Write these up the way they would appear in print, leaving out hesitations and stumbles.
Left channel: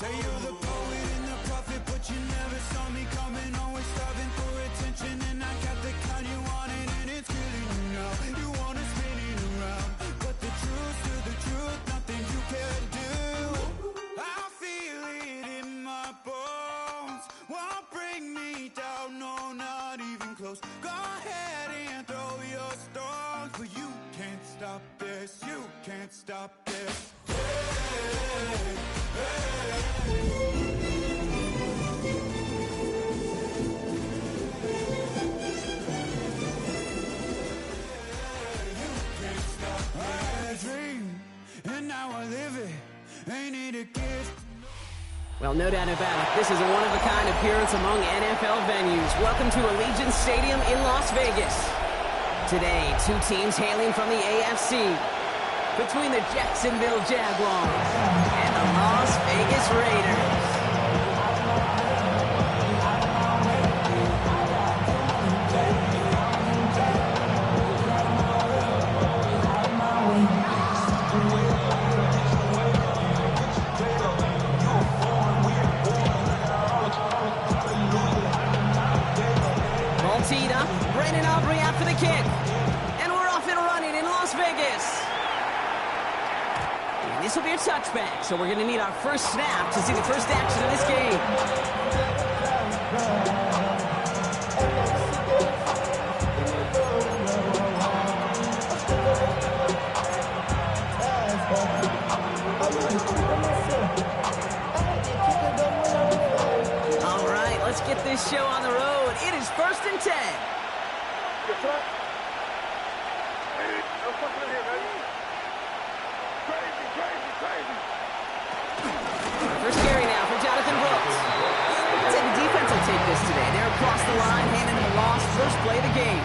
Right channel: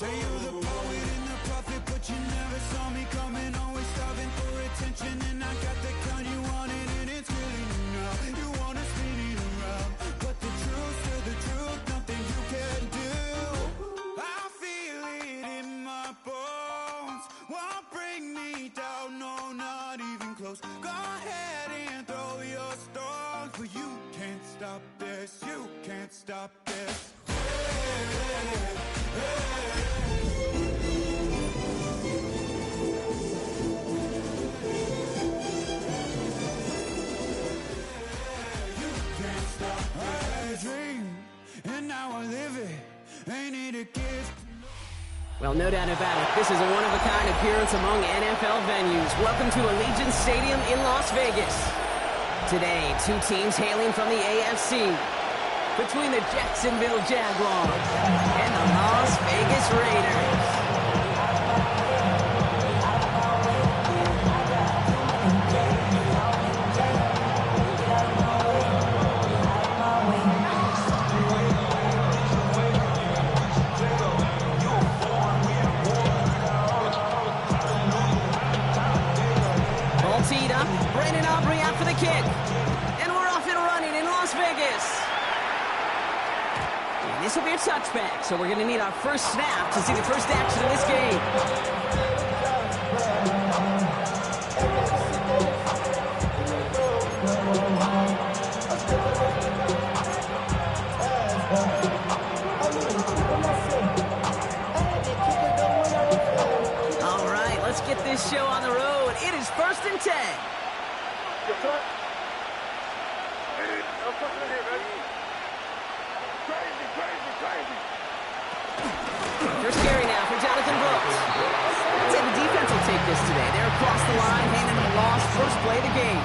Say you're the poet and the prophet, but you never saw me coming. Always starving for attention, and I got the kind you wanted, and it's killing you now. You wanna spin it around, but the truth's still the truth. Nothing you can do. I feel it in my bones. Won't bring me down, no, not even close. Go ahead and throw your stones, but you can't stop this. You can't stop this. And now I live it. Ain't it a gift? Well, no doubt about it. This is a one-of-a-kind appearance among NFL venues. Welcome to Allegiant Stadium in Las Vegas. Today, two teams hailing from the AFC. Between the Jacksonville Jaguars and the Las Vegas Raiders. Teed up, Brandon Aubrey out for the kick. And we're off and running in Las Vegas. And this will be a touchback, so we're going to need our first snap to see the first action of this game. All right, let's get this show on the road. It is 1st and 10. First carry now for Jonathan Brooks. I'd say the defense will take this today. They're across the line, handing them a loss. First play of the game.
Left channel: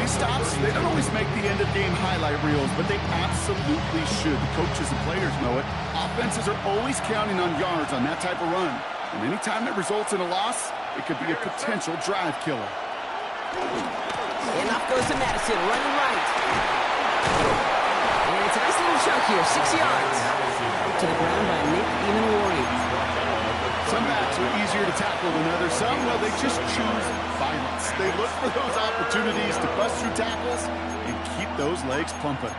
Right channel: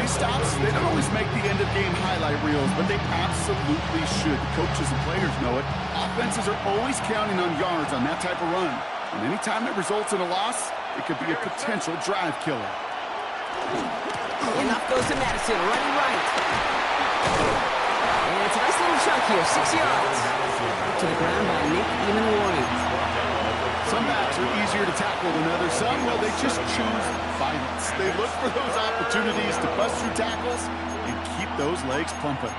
These stops, they don't always make the end-of-game highlight reels, but they absolutely should. The coaches and players know it. Offenses are always counting on yards on that type of run. And anytime it results in a loss, it could be a potential drive killer. Enough goes to Madison, running right. And it's a nice little chunk here, 6 yards. To the ground by Nick Emanwari. Some backs are easier to tackle than others. Some, well, they just choose violence. They look for those opportunities to bust through tackles and keep those legs pumping.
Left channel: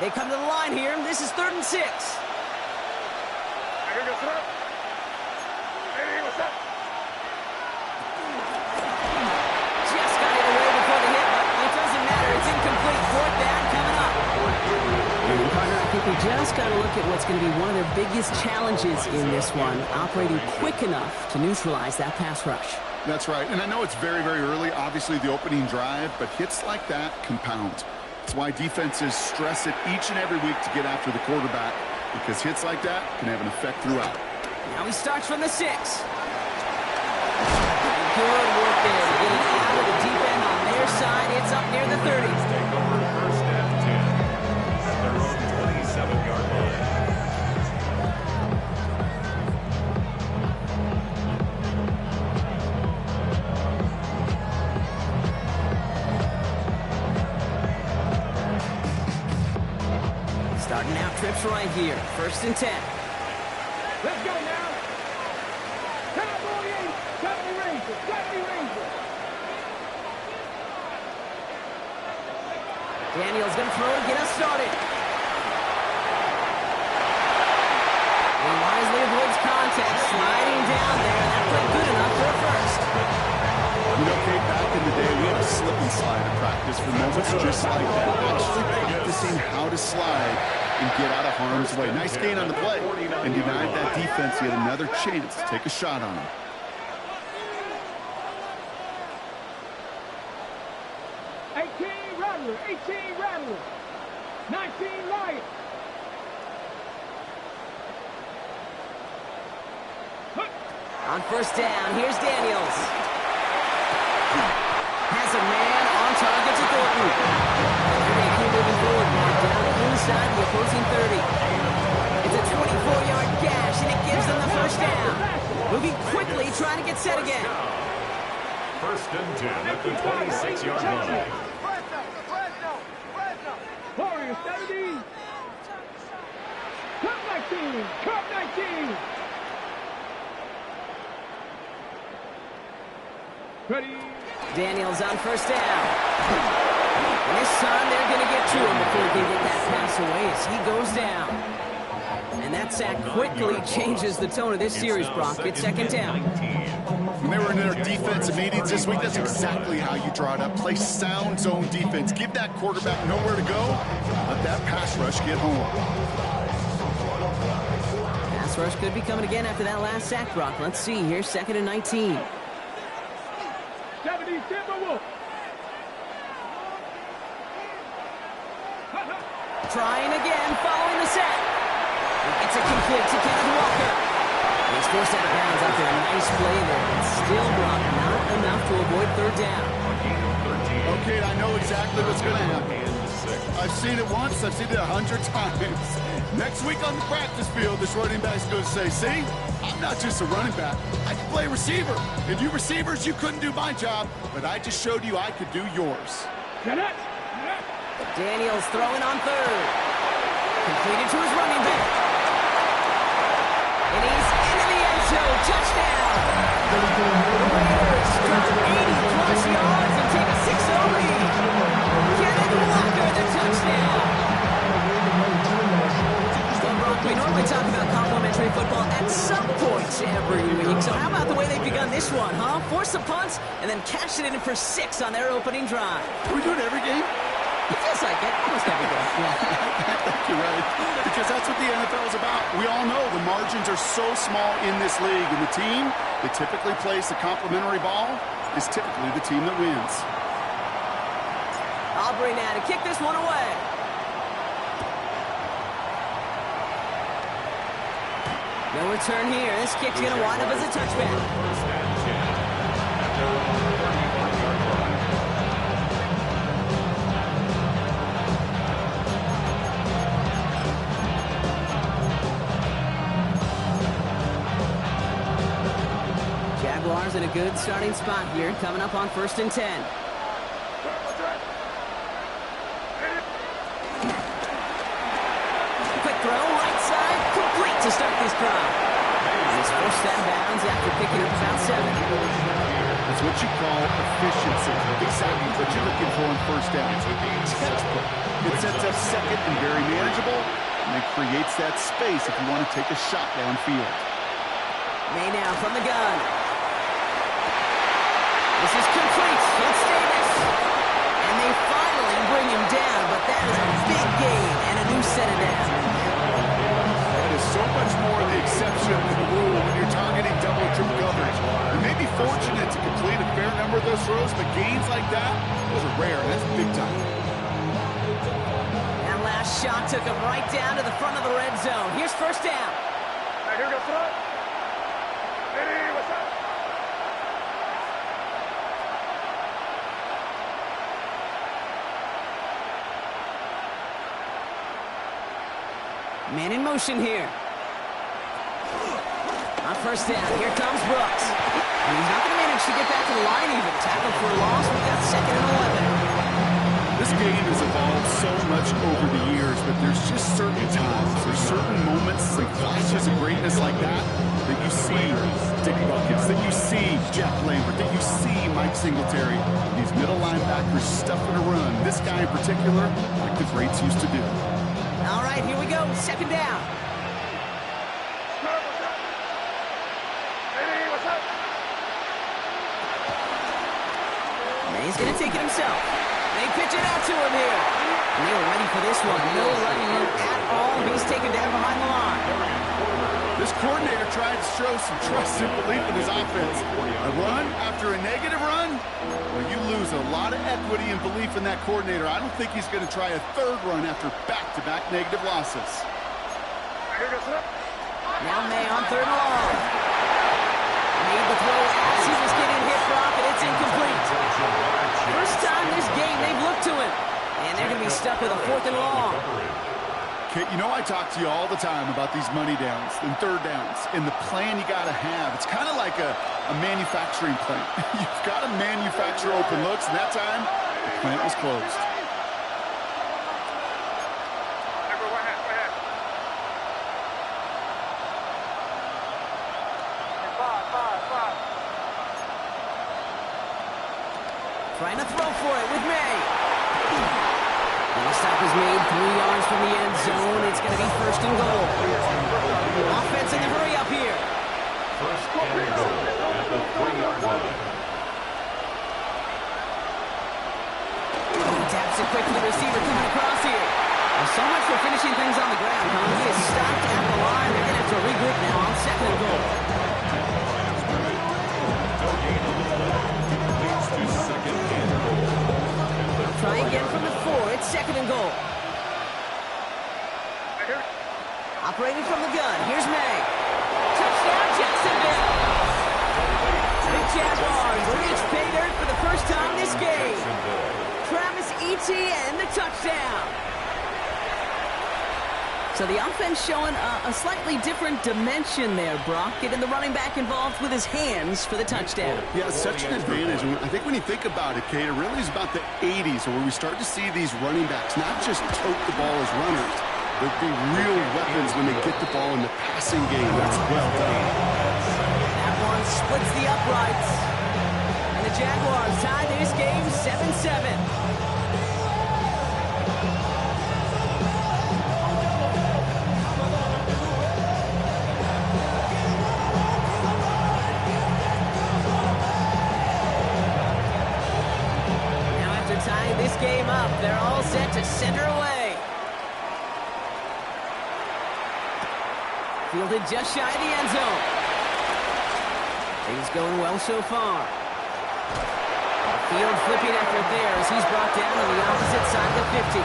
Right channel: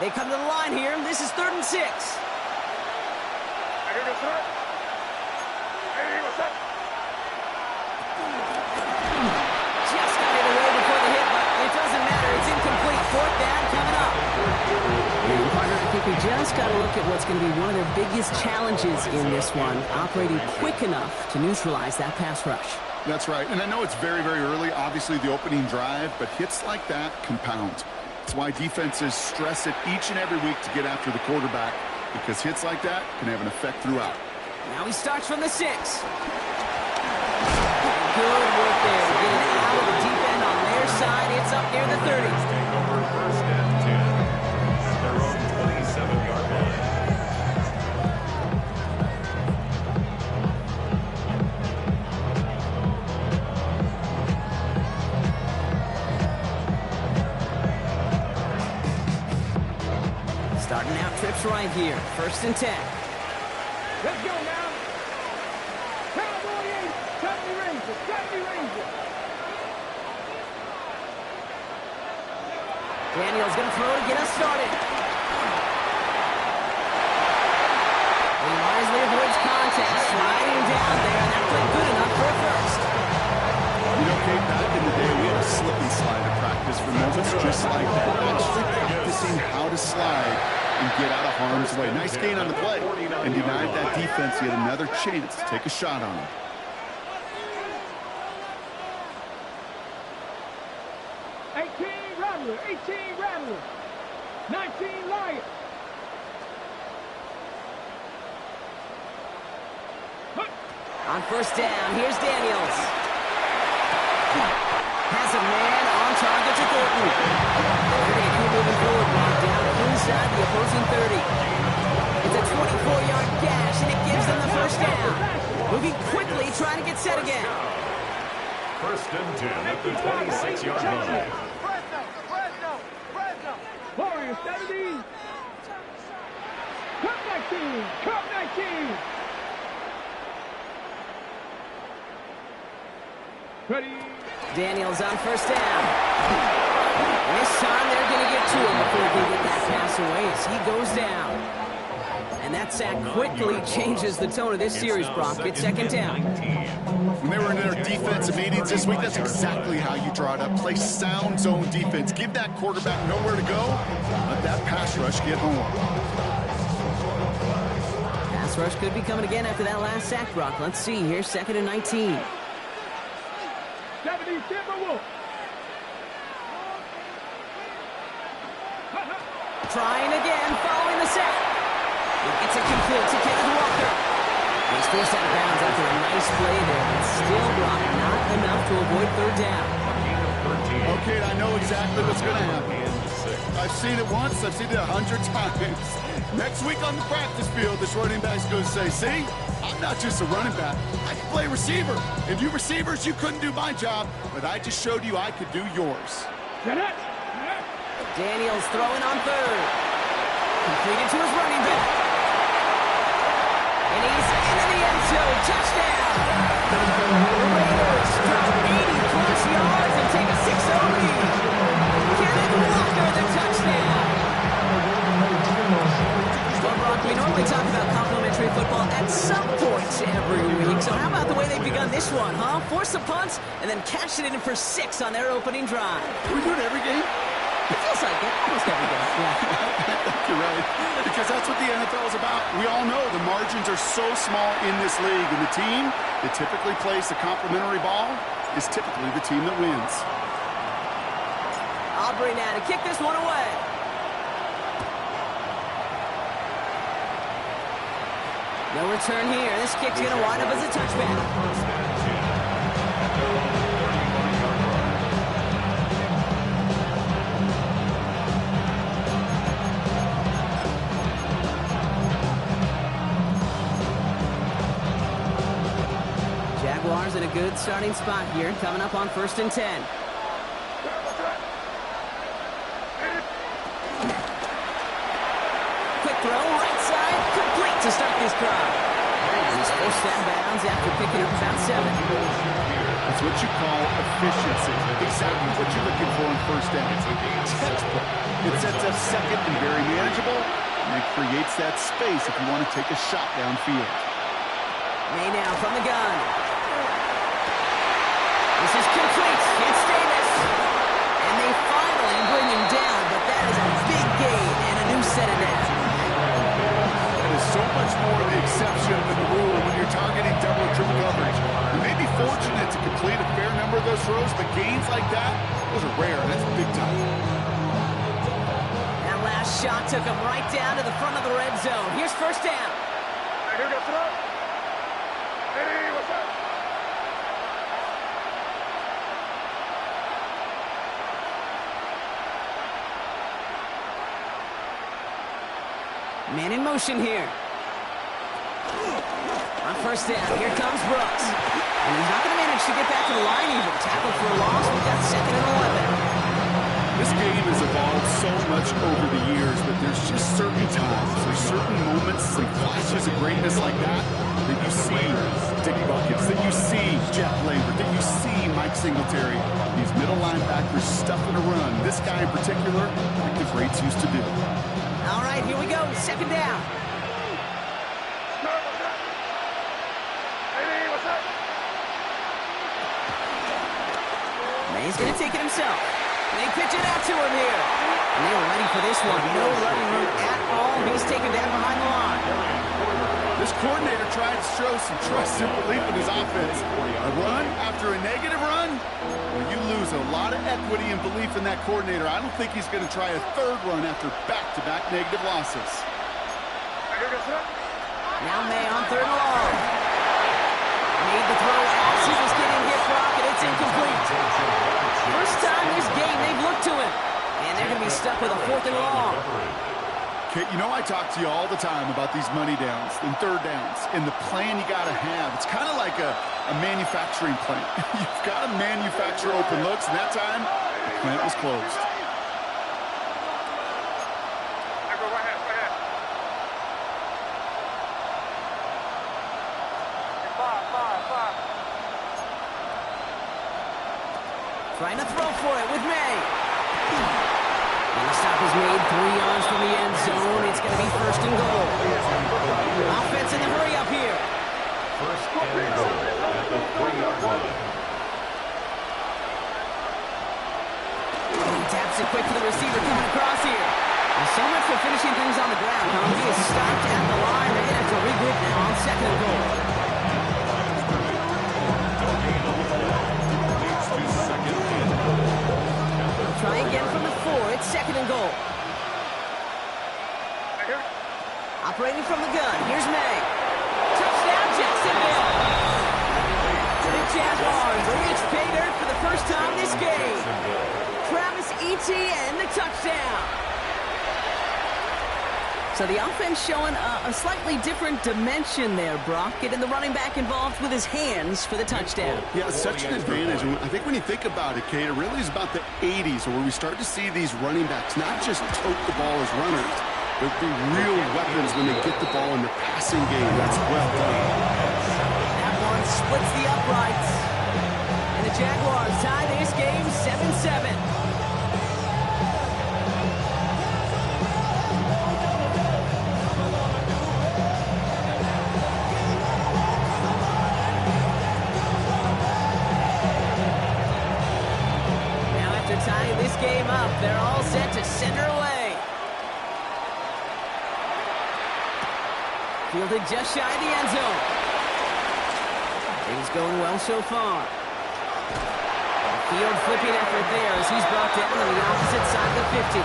They come to the line here. This is 3rd and 6. Just got it away before the hit, but it doesn't matter. It's incomplete. 4th down coming up. And partner, I think we just got to look at what's going to be one of their biggest challenges in this one, operating quick enough to neutralize that pass rush. That's right. And I know it's very, very early, obviously the opening drive, but hits like that compound. That's why defenses stress it each and every week to get after the quarterback, because hits like that can have an effect throughout. Now he starts from the 6. Good work there to get it out of the deep end on their side. It's up near the 30. Take over 1st and 10 at their own 27-yard line. Starting out trips right here. 1st and 10. Let's go now. Cowboy 8, 70 Rangers, 70 Rangers. Daniel's going to throw to get us started. He wisely avoids contact, sliding down there, and that played good enough for a first. You know, Kate, back in the day, we had a slip and slide at practice for moments just like that. Actually practicing how to slide and get out of harm's way. Nice gain on the play, and denied that defense yet another chance to take a shot on him. Rattler, 18 Rattler, 19 Lion. On 1st down, here's Daniels. Has a man on target to Thornton. They keep moving forward, brought down inside the opposing 30. It's a 24-yard gash, and it gives them the 1st down. Moving quickly, trying to get set again. 1st and 10 at the 26-yard line. Warriors 70. Cup 19. Cup 19. Ready. Daniels on first down. And this time they're going to get to him before he can get that pass away as he goes down. And that sack quickly changes the tone of this series, Brock. It's second down. When they were in their defensive meetings this week, that's exactly how you draw it up. Play sound zone defense. Give that quarterback nowhere to go. Let that pass rush get home. Pass rush could be coming again after that last sack, Brock. Let's see here, 2nd and 19. 70 Timberwolves. Trying again, following the sack. He gets it complete to Kenneth Walker. And he's forced out of bounds after a nice play there, but still, Brock, not enough to avoid third down. A gain of 13. Okay, I know exactly what's going to happen. And 6. I've seen it once. I've seen it 100 times. Next week on the practice field, this running back's going to say, see, I'm not just a running back. I can play receiver. And you receivers, you couldn't do my job, but I just showed you I could do yours. Daniels throwing on third. Completed to his running back. And he's into the end zone. Touchdown. The Raiders drop 80-plus yards and take a 6-0 lead. Kenneth Walker, the touchdown. Well, Brock, we normally talk about complimentary football at some points every week. So how about the way they've begun this one, huh? Force the punts and then cash it in for 6 on their opening drive. Can we do it every game? It feels like it. Almost every game. Yeah. You're right. Because that's what the NFL is about. We all know the margins are so small in this league. And the team that typically plays the complimentary ball is typically the team that wins. Aubrey now to kick this one away. No return here. This kick's going to wind up as a touchback. First and 10 at their own 35-yard line. Jaguars in a good starting spot here, coming up on 1st and 10. Quick throw, right side, complete to start this drive. He's forced out of bounds after picking up about 7. That's what you call efficiency. Exactly what you're looking for on first down. Textbook. It sets up second and very manageable, and it creates that space if you want to take a shot downfield. May now from the gun. This is complete. It's Davis. And they finally bring him down, but that is a big gain and a new set of downs. That is so much more the exception than the rule when you're targeting double or triple coverage. You may be fortunate to complete a fair number of those throws, but gains like that, those are rare. That's big time. That last shot took him right down to the front of the red zone. Here's first down. Here goes throw. Hey, what's up? Man in motion here. On first down, here comes Brooks. And he's not going to manage to get back to the line even. Tackle for a loss. We've got 2nd and 11. This game has evolved so much over the years, but there's just certain times, there's certain moments and flashes of greatness like that that you see Dick Buckets, that you see Jack Lambert, that you see Mike Singletary. These middle linebackers stuffing a run. This guy in particular, like the greats used to do. All right, here we go. 2nd down. May's going to take it himself. They pitch it out to him here. And they were ready for this one. No running room at all. He's taken down behind the line. This coordinator tried to show some trust and belief in his offense. A run after a negative run? Well, you lose a lot of equity and belief in that coordinator. I don't think he's going to try a 3rd run after back-to-back negative losses. Now May on 3rd and long. Made the throw as he was getting hit, Brock, and it's incomplete. First time this game they've looked to him. And they're going to be stuck with a 4th and long. Okay, you know I talk to you all the time about these money downs and 3rd downs and the plan you got to have. It's kind of like a manufacturing plant. You've got to manufacture open looks, and that time the plant was closed. Trying to throw for it with May. And the stop is made 3 yards from the end zone. It's going to be first and goal. Offense in the hurry up here. First and goal at the 3-yard line. He taps it quick to the receiver coming across here. Well, so much for finishing things on the ground, huh? He is stopped at the line. They're going to have to regroup now on second and goal. No gain on the play. Leads to second and goal. They'll try again from the 4. It's second and goal. Operating from the gun. Here's May. Touchdown, Jacksonville. The Jaguars reach pay dirt for the first time this game. Travis Etienne, the touchdown. So the offense showing a slightly different dimension there, Brock. Getting the running back involved with his hands for the touchdown. Yeah, such an advantage. I think when you think about it, Kate, it really is about the 80s where we start to see these running backs not just tote the ball as runners, but be real weapons when they get the ball in the passing game. That's well done. That one splits the uprights. And the Jaguars tie this game 7-7. Tying this game up, they're all set to center away. Fielded just shy of the end zone. Things going well so far. A field flipping effort there as he's brought down on the opposite side of the 50.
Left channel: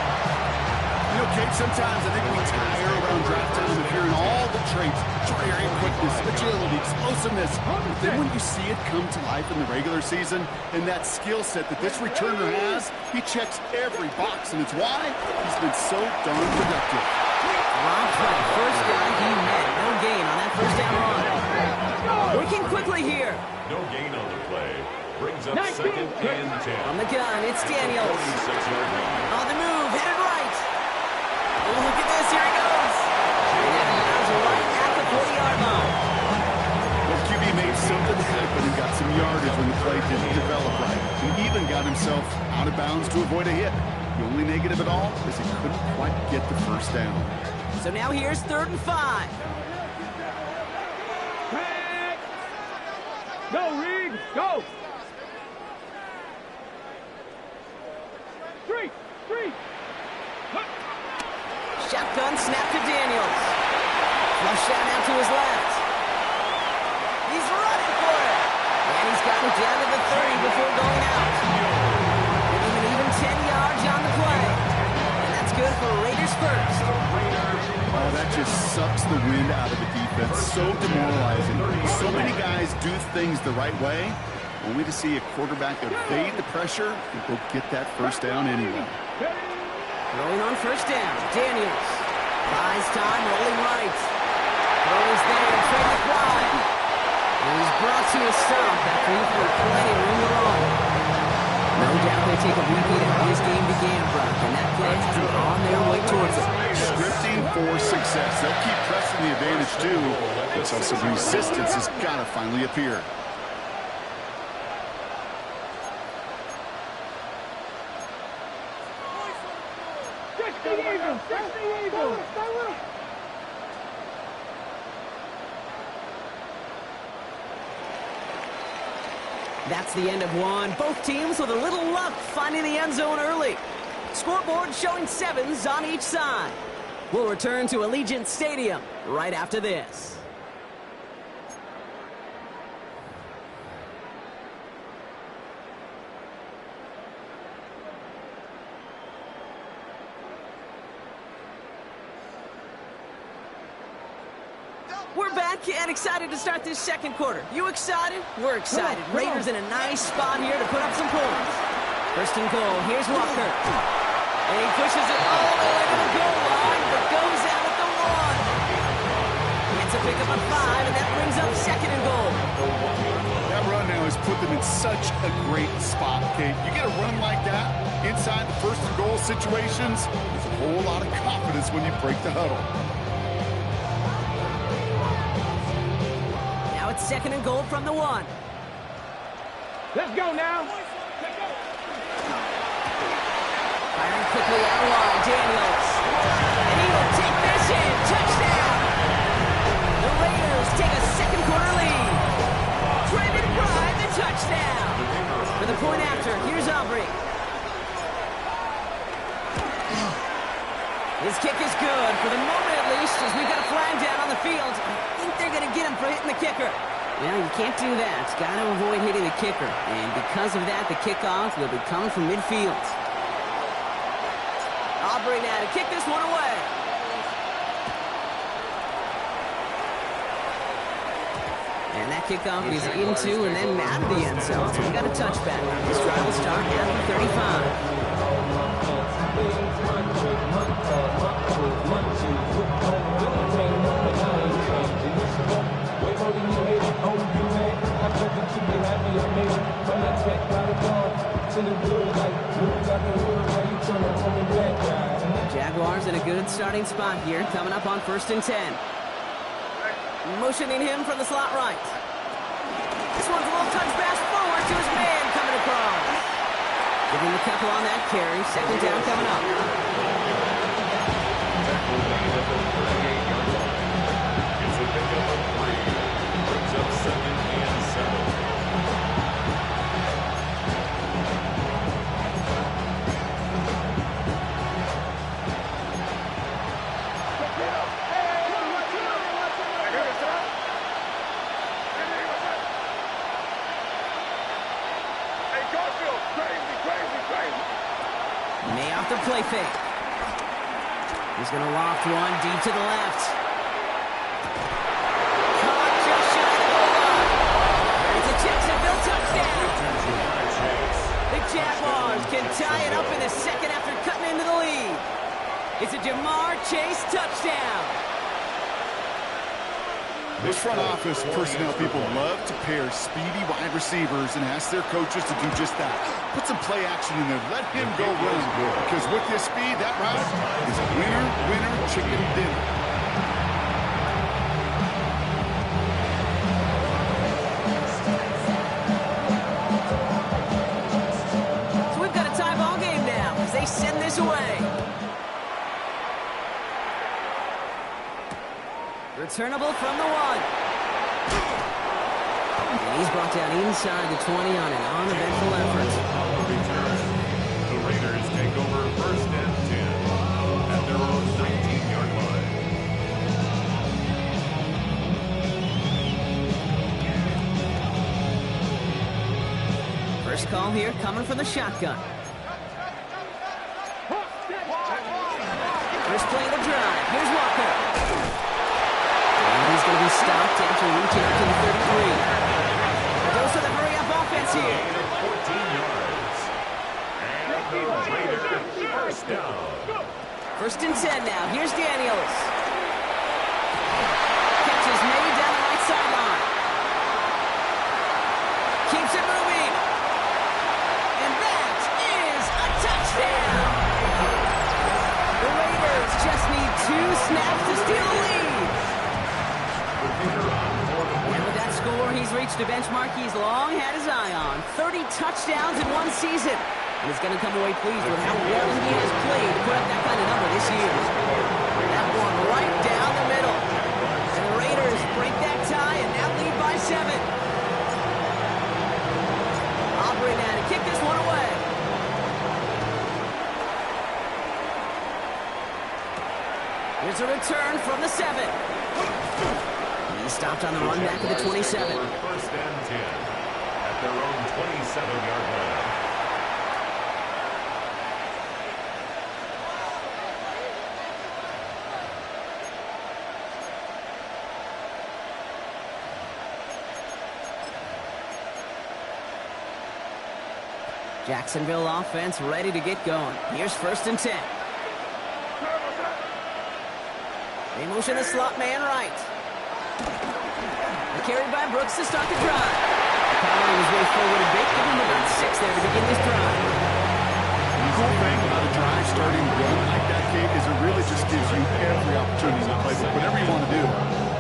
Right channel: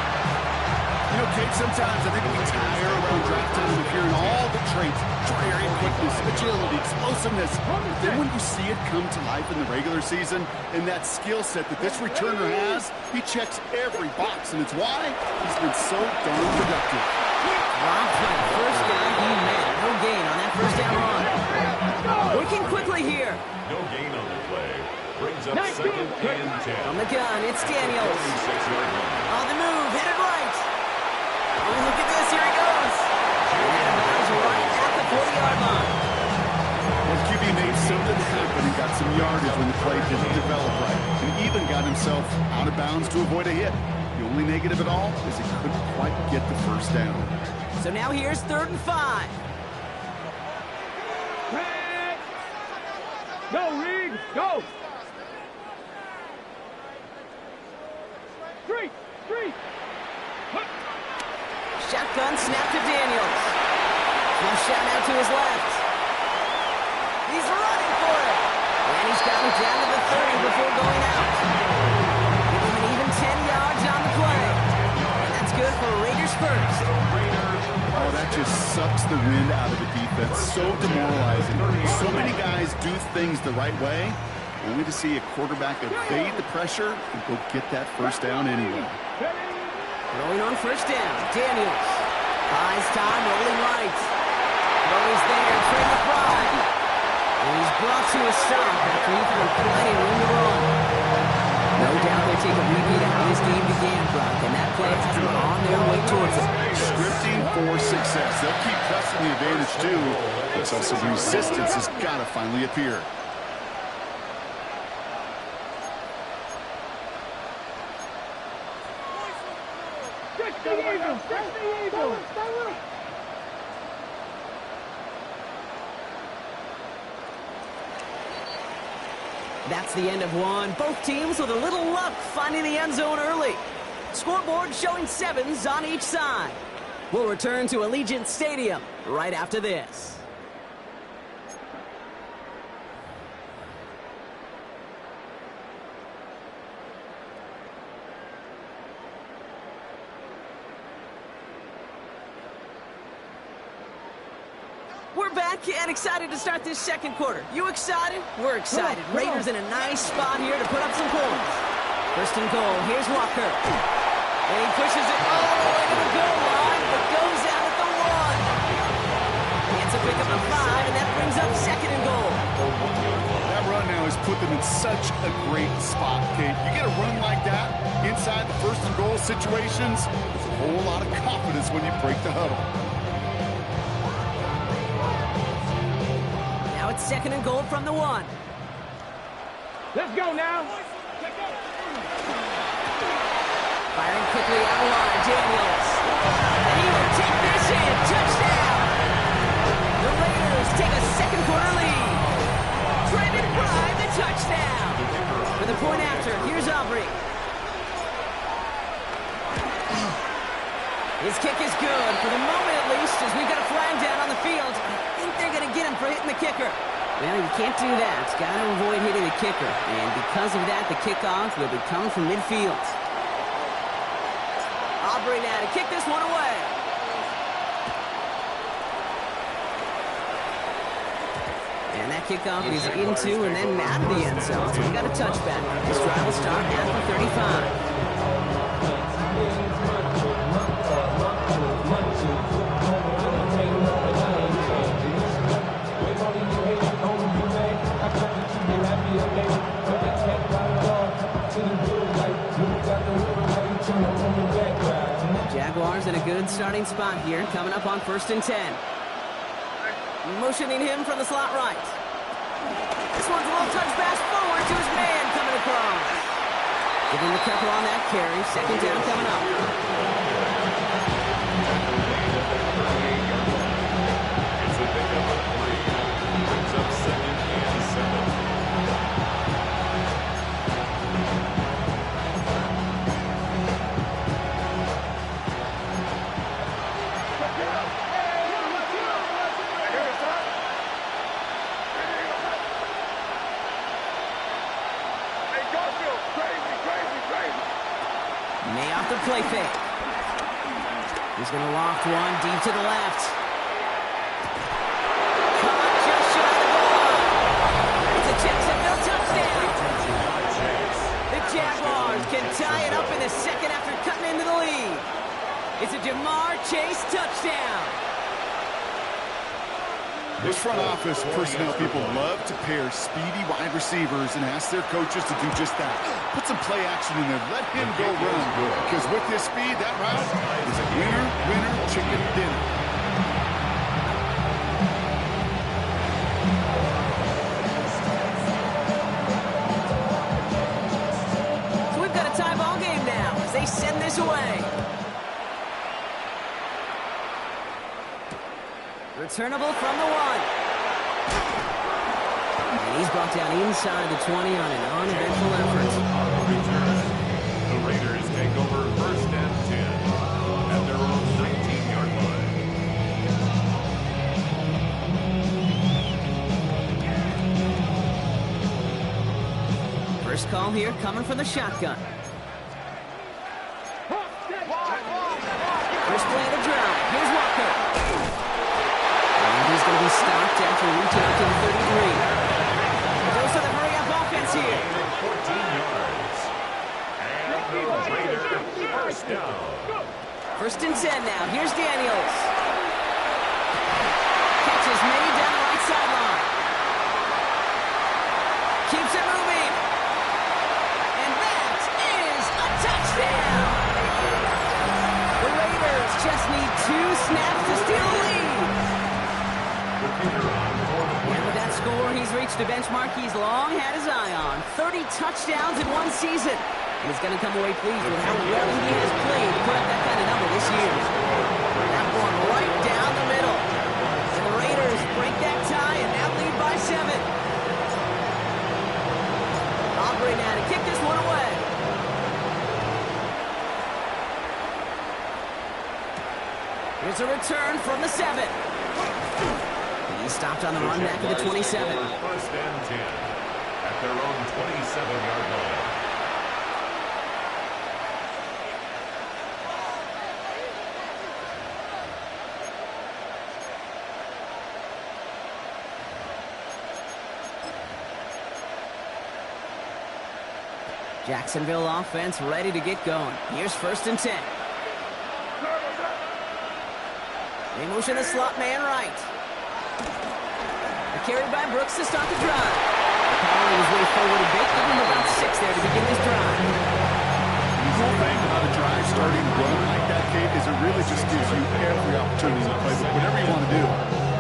You know, Kate, sometimes I think we tire around draft time of hearing all the traits, short area quickness, agility, explosiveness. But then when you see it come to life in the regular season and that skill set that this returner has, he checks every box, and it's why he's been so darn productive. Dropped by the first guy he met. No gain on that first down run. Working quickly here. No gain on the play. Brings up second and 10. From the gun, it's Daniels. 46-yard line. On the move, headed right. Oh, look at this. Here he goes. And out of bounds right at the 40-yard line. Well, QB made something happen and got some yardage when the play didn't develop right. And even got himself out of bounds to avoid a hit. The only negative at all is he couldn't quite get the first down. So now here's 3rd and 5. Tag. Go, Reed. Go. Street. Shotgun snap to Daniels. Flush out now to his left. He's running for it. And he's got it down to the 30 before going out. Give him an even 10 yards on the play. And that's good for Raiders first. Oh, that just sucks the wind out of the defense. So demoralizing. So many guys do things the right way, only to see a quarterback evade the pressure and go get that first down anyway. Throwing on first down, Daniels. Buys time, rolling right. Throw is there, Trey McBride. And he's brought to a stop after he found plenty of room to run. No doubt they take a repeat of how this game began, Brock, and that play has them on their way towards it. Scripting for success. They'll keep pressing the advantage, too, until some resistance has got to finally appear. That's the end of one. Both teams with a little luck finding the end zone early. Scoreboard showing 7s on each side. We'll return to Allegiant Stadium right after this. We're back and excited to start this second quarter. You excited? We're excited. Raiders in a nice spot here to put up some points. First and goal. Here's Walker. And he pushes it all the way to the goal line, but goes out at the 1. Gets a pickup of 5, and that brings up second and goal. That run now has put them in such a great spot, Kate. You get a run like that inside the first and goal situations, there's a whole lot of confidence when you break the huddle. Now it's second and goal from the 1. Let's go now. Firing quickly out wide, Daniels. And he will take this in. Touchdown! The Raiders take a second quarter lead. Trey McBride, the touchdown. For the point after, here's Aubrey. His kick is good, for the moment at least, as we've got a flag down on the field. I think they're going to get him for hitting the kicker. Well, you can't do that. Got to avoid hitting the kicker. And because of that, the kickoff will be coming from midfield. Aubrey now to kick this one away. And that kickoff is into and then out of the end zone. So we got a touchback. This drive will start at the 35. Jaguars in a good starting spot here, coming up on 1st and 10. Motioning him from the slot right. This one's a little touch pass forward to his man coming across. Giving him a couple on that carry. Second down coming up. It's a pickup of 3. Brings up 2nd and 7. May off the play fake. He's going to loft one deep to the left. Caught just shy of the goal line. It's a Jacksonville touchdown. The Jaguars can tie it up in the second after cutting into the lead. It's a Jamar Chase touchdown. This front office personnel people love to pair speedy wide receivers and ask their coaches to do just that. Put some play action in there. Let him go run. Because with his speed, that route is a winner, winner, chicken dinner. So we've got a tie ball game now as they send this away. Returnable from the 1. And he's brought down inside the 20 on an uneventful effort. On the return, the Raiders take over 1st and 10 at their own 19-yard line. First call here coming from the shotgun. First play of the drive. Here's Walker. And he's going to be stopped after reaching out to the 33. It goes to the hurry-up offense here. 14 yards. And the Raiders first down. 1st and 10 now. Here's Daniels. Catch is made down the right sideline. Keeps it moving. And that is a touchdown. The Raiders just need 2 snaps to steal the lead. And with that score, he's reached a benchmark he's long had his eye on. 30 touchdowns in one season. And he's going to come away pleased with how well he has played to put up that kind of number this year. That one right down the middle. And the Raiders break that tie and now lead by 7. Aubrey now to kick this one away. Here's a return from the 7. He stopped on the run back at the 27. 1st and 10 at their own 27-yard line. Jacksonville offense ready to get going. Here's 1st and 10. They motion the slot man right. Carried by Brooks to start the drive. Powering his way forward a bit, giving him about 6 there to begin this drive. The cool thing about a drive starting run like that, Kate, is it really just gives you every opportunity to play with whatever you want to do.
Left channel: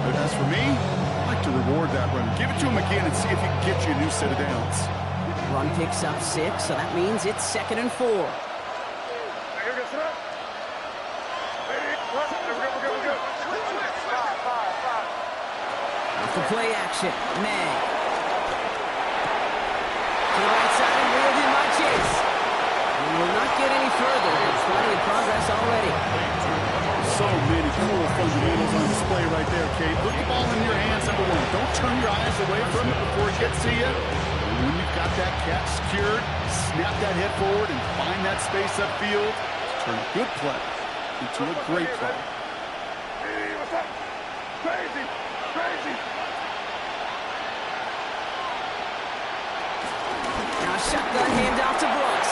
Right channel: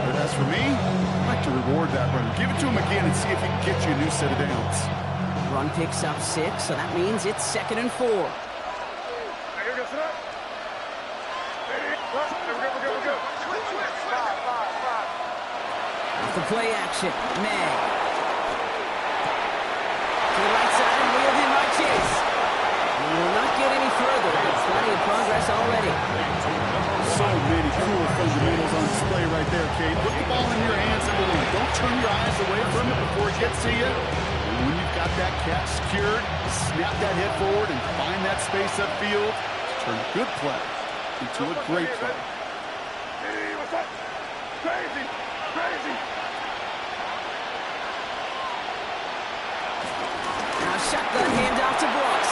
But as for me, I like to reward that runner. Give it to him again and see if he can get you a new set of downs. Run picks up 6, so that means it's 2nd and 4. Off the play action, May. To the right side and wheeled in by Chase. We will not get any further, but plenty of progress already. So many cool fundamentals on display right there, Kate. Put the ball in your hands, number one. Don't turn your eyes away from it before it gets to you. And when you've got that catch secured, snap that head forward and find that space upfield to turn a good play into a great play. Hey, what's up? Crazy, crazy. Now shotgun handoff to Brooks.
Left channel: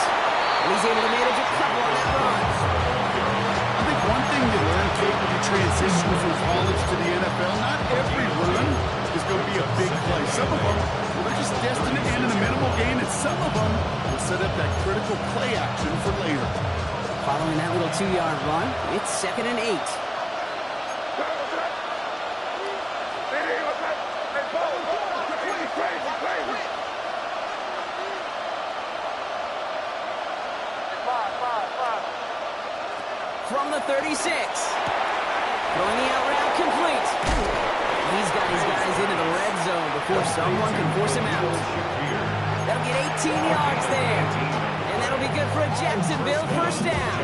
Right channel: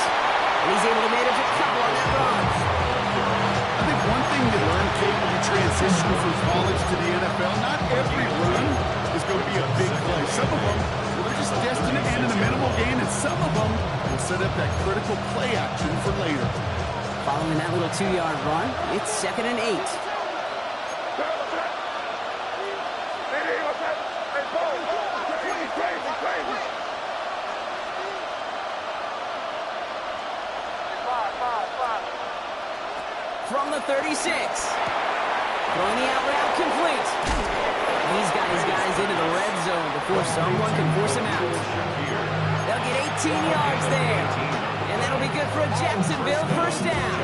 And he's able to manage a couple on that run. I think one thing you learn, Kate, when you transition from college to the NFL, not every run is going to be a big play. Some of them, well, they're just destined to end in a minimal gain, and some of them will set up that critical play action for later. Following that little 2-yard run, it's 2nd and 8. Hey, what's up? Hey, Paul, crazy, crazy, crazy. Five. From the 36. Throwing the out route complete. He's got his guys into the red zone before someone can force him out. They'll get 18 yards there. And that'll be good for a Jacksonville first down.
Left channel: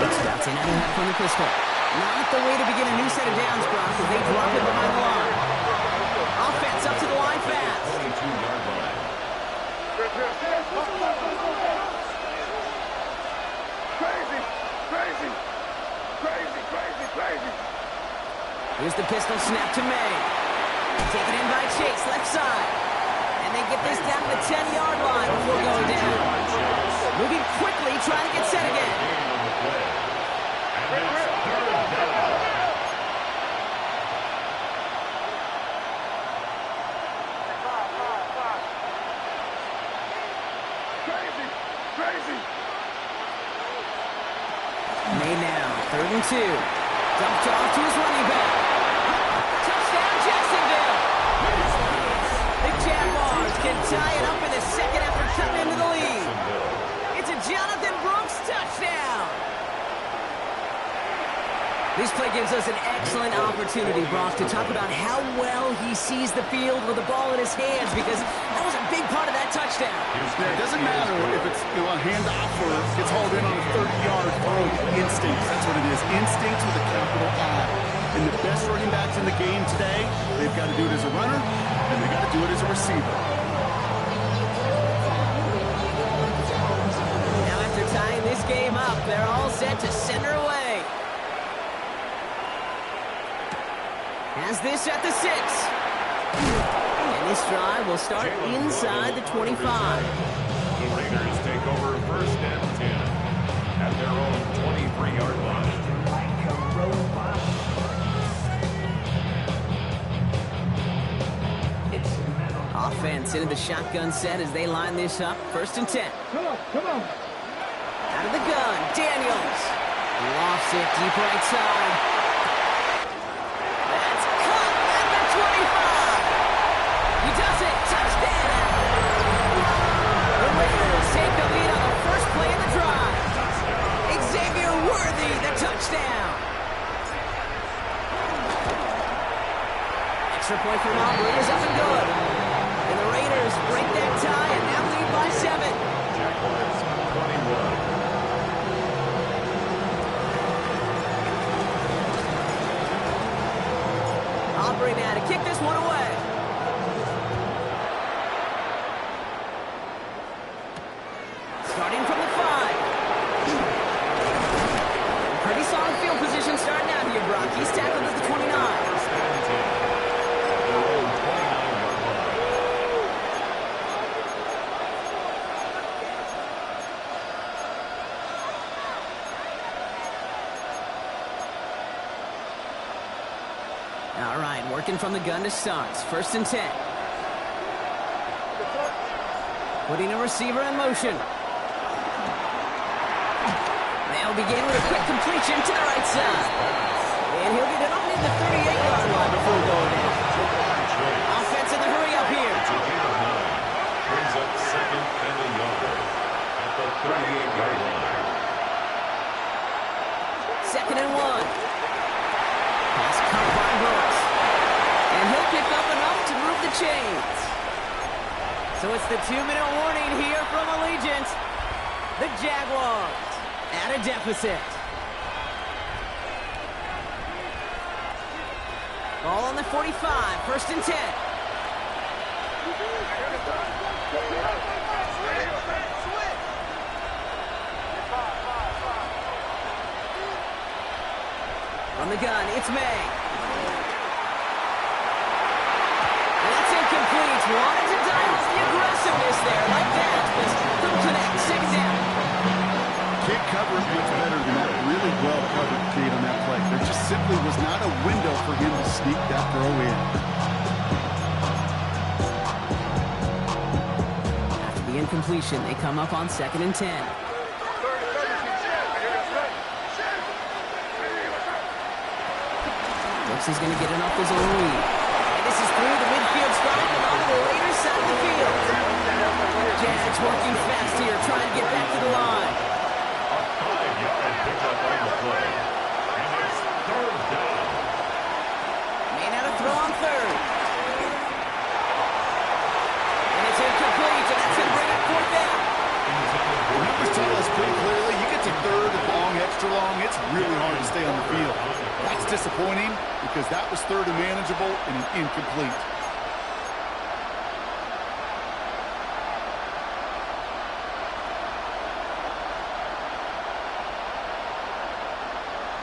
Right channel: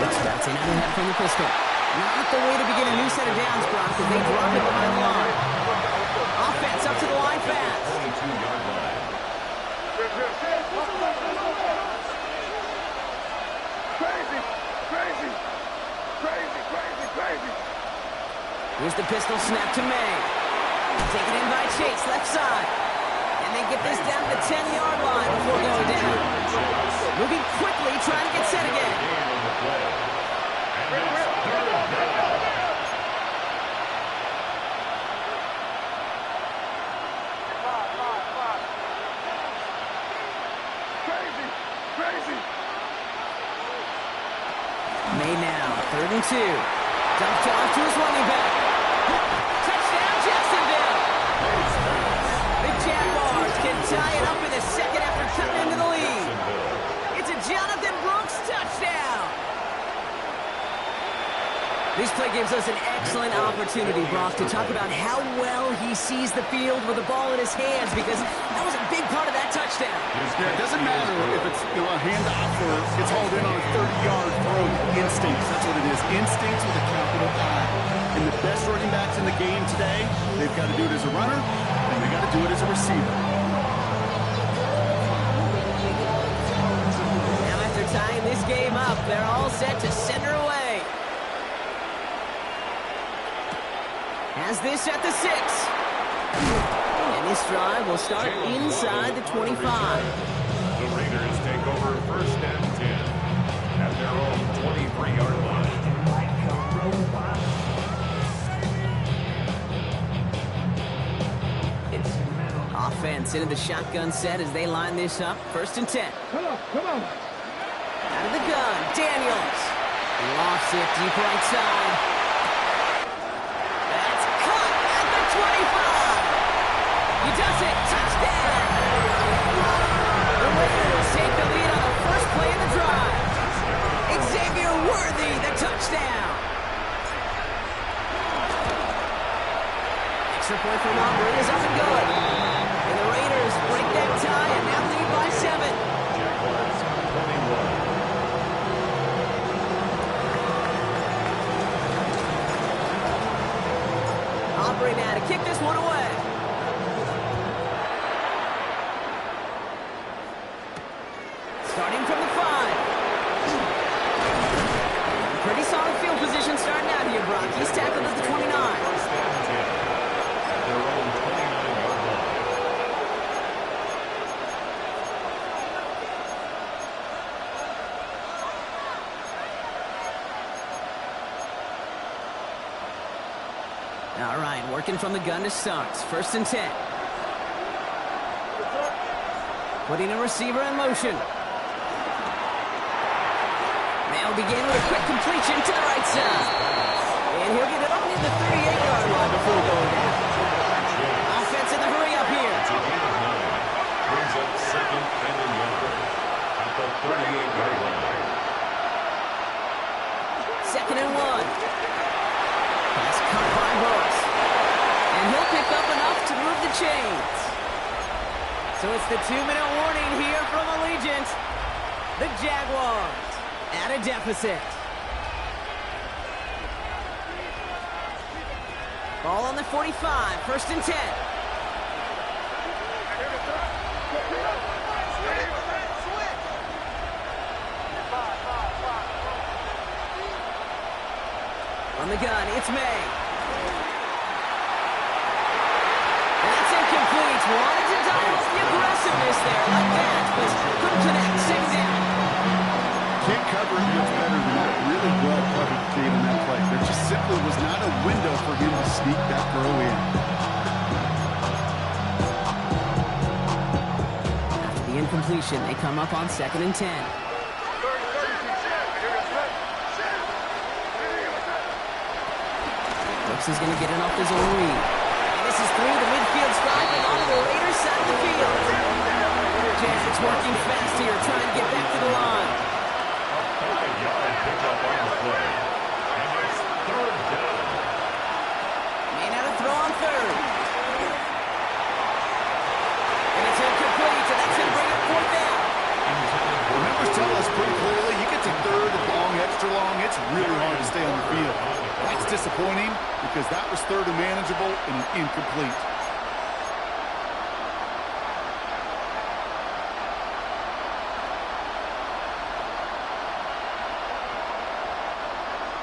Brooks bouncing out ahead from the pistol. Not the way to begin a new set of downs, Brock, as they drop it behind the line. Offense up to the line fast. 22-yard line. Crazy. Here's the pistol snap to May. Taken in by Chase, left side. And they get this down to the 10-yard line before going down. Moving quickly, trying to get set again. Crazy. May now, 3rd and 2. Dumped off to his running back. Touchdown, Jacksonville! The Jaguars can tie it up in the second after cutting into the lead. It's a Jonathan Brooks touchdown! This play gives us an excellent opportunity, Brock, to talk about how well he sees the field with the ball in his hands, because that was a big part of that touchdown. Yeah, it doesn't matter if it's a handoff or gets hauled in on a 30-yard throw. Instincts, that's what it is. Instincts with a capital I. And the best running backs in the game today, they've got to do it as a runner, and they've got to do it as a receiver. Now after tying this game up, they're all set to send her away. Has this at the 6. And this drive will start inside the 25. The Raiders take over 1st and 10 at their own 23-yard line. Offense into the shotgun set as they line this up. 1st and 10. Come on. Out of the gun, Daniels. Lofts it deep right side. That's caught at the 25. He does it. Touchdown. The Raiders take the lead on the first play of the drive. Xavier Worthy, the touchdown. Extra point from Aubrey is up and good. And the Raiders break that tie and now lead by 7. Jaguars 21. Aubrey now to kick this one away. Starting from the 5. Pretty solid field position starting out here, Brock. He's tackled at the 29. 1st and 10 at their own 29-yard line. All right, working from the gun to start. 1st and 10. Putting a receiver in motion. They'll begin with a quick completion to the right side. And he'll get it up near the 38-yard line before going down. Offense in the hurry up here. chains. So it's the 2-minute warning here from Allegiant. The Jaguars at a deficit. Ball on the 45, 1st and 10. From the gun, it's May. And that's incomplete. Wanted to dial off the aggressiveness there like that, but couldn't connect. 2nd down. Can't cover it much better than that. Really well covered Kate on that play. There just simply was not a window for him to sneak that throw in. After the incompletion, they come up on 2nd and 10. Brooks is going to get it off his own lead. And this is through the midfield stripe and onto the Raiders side of the field. Jags working fast here, trying to get back to the line. A 5-yard pickup on the play. And it's 3rd down. May not have throw on 3rd. And it's incomplete, and that's going to bring up 4th down. Numbers tell us pretty clearly, you get to 3rd and long, extra long, it's really hard to stay on the field. That's disappointing because that was 3rd and manageable and an incomplete.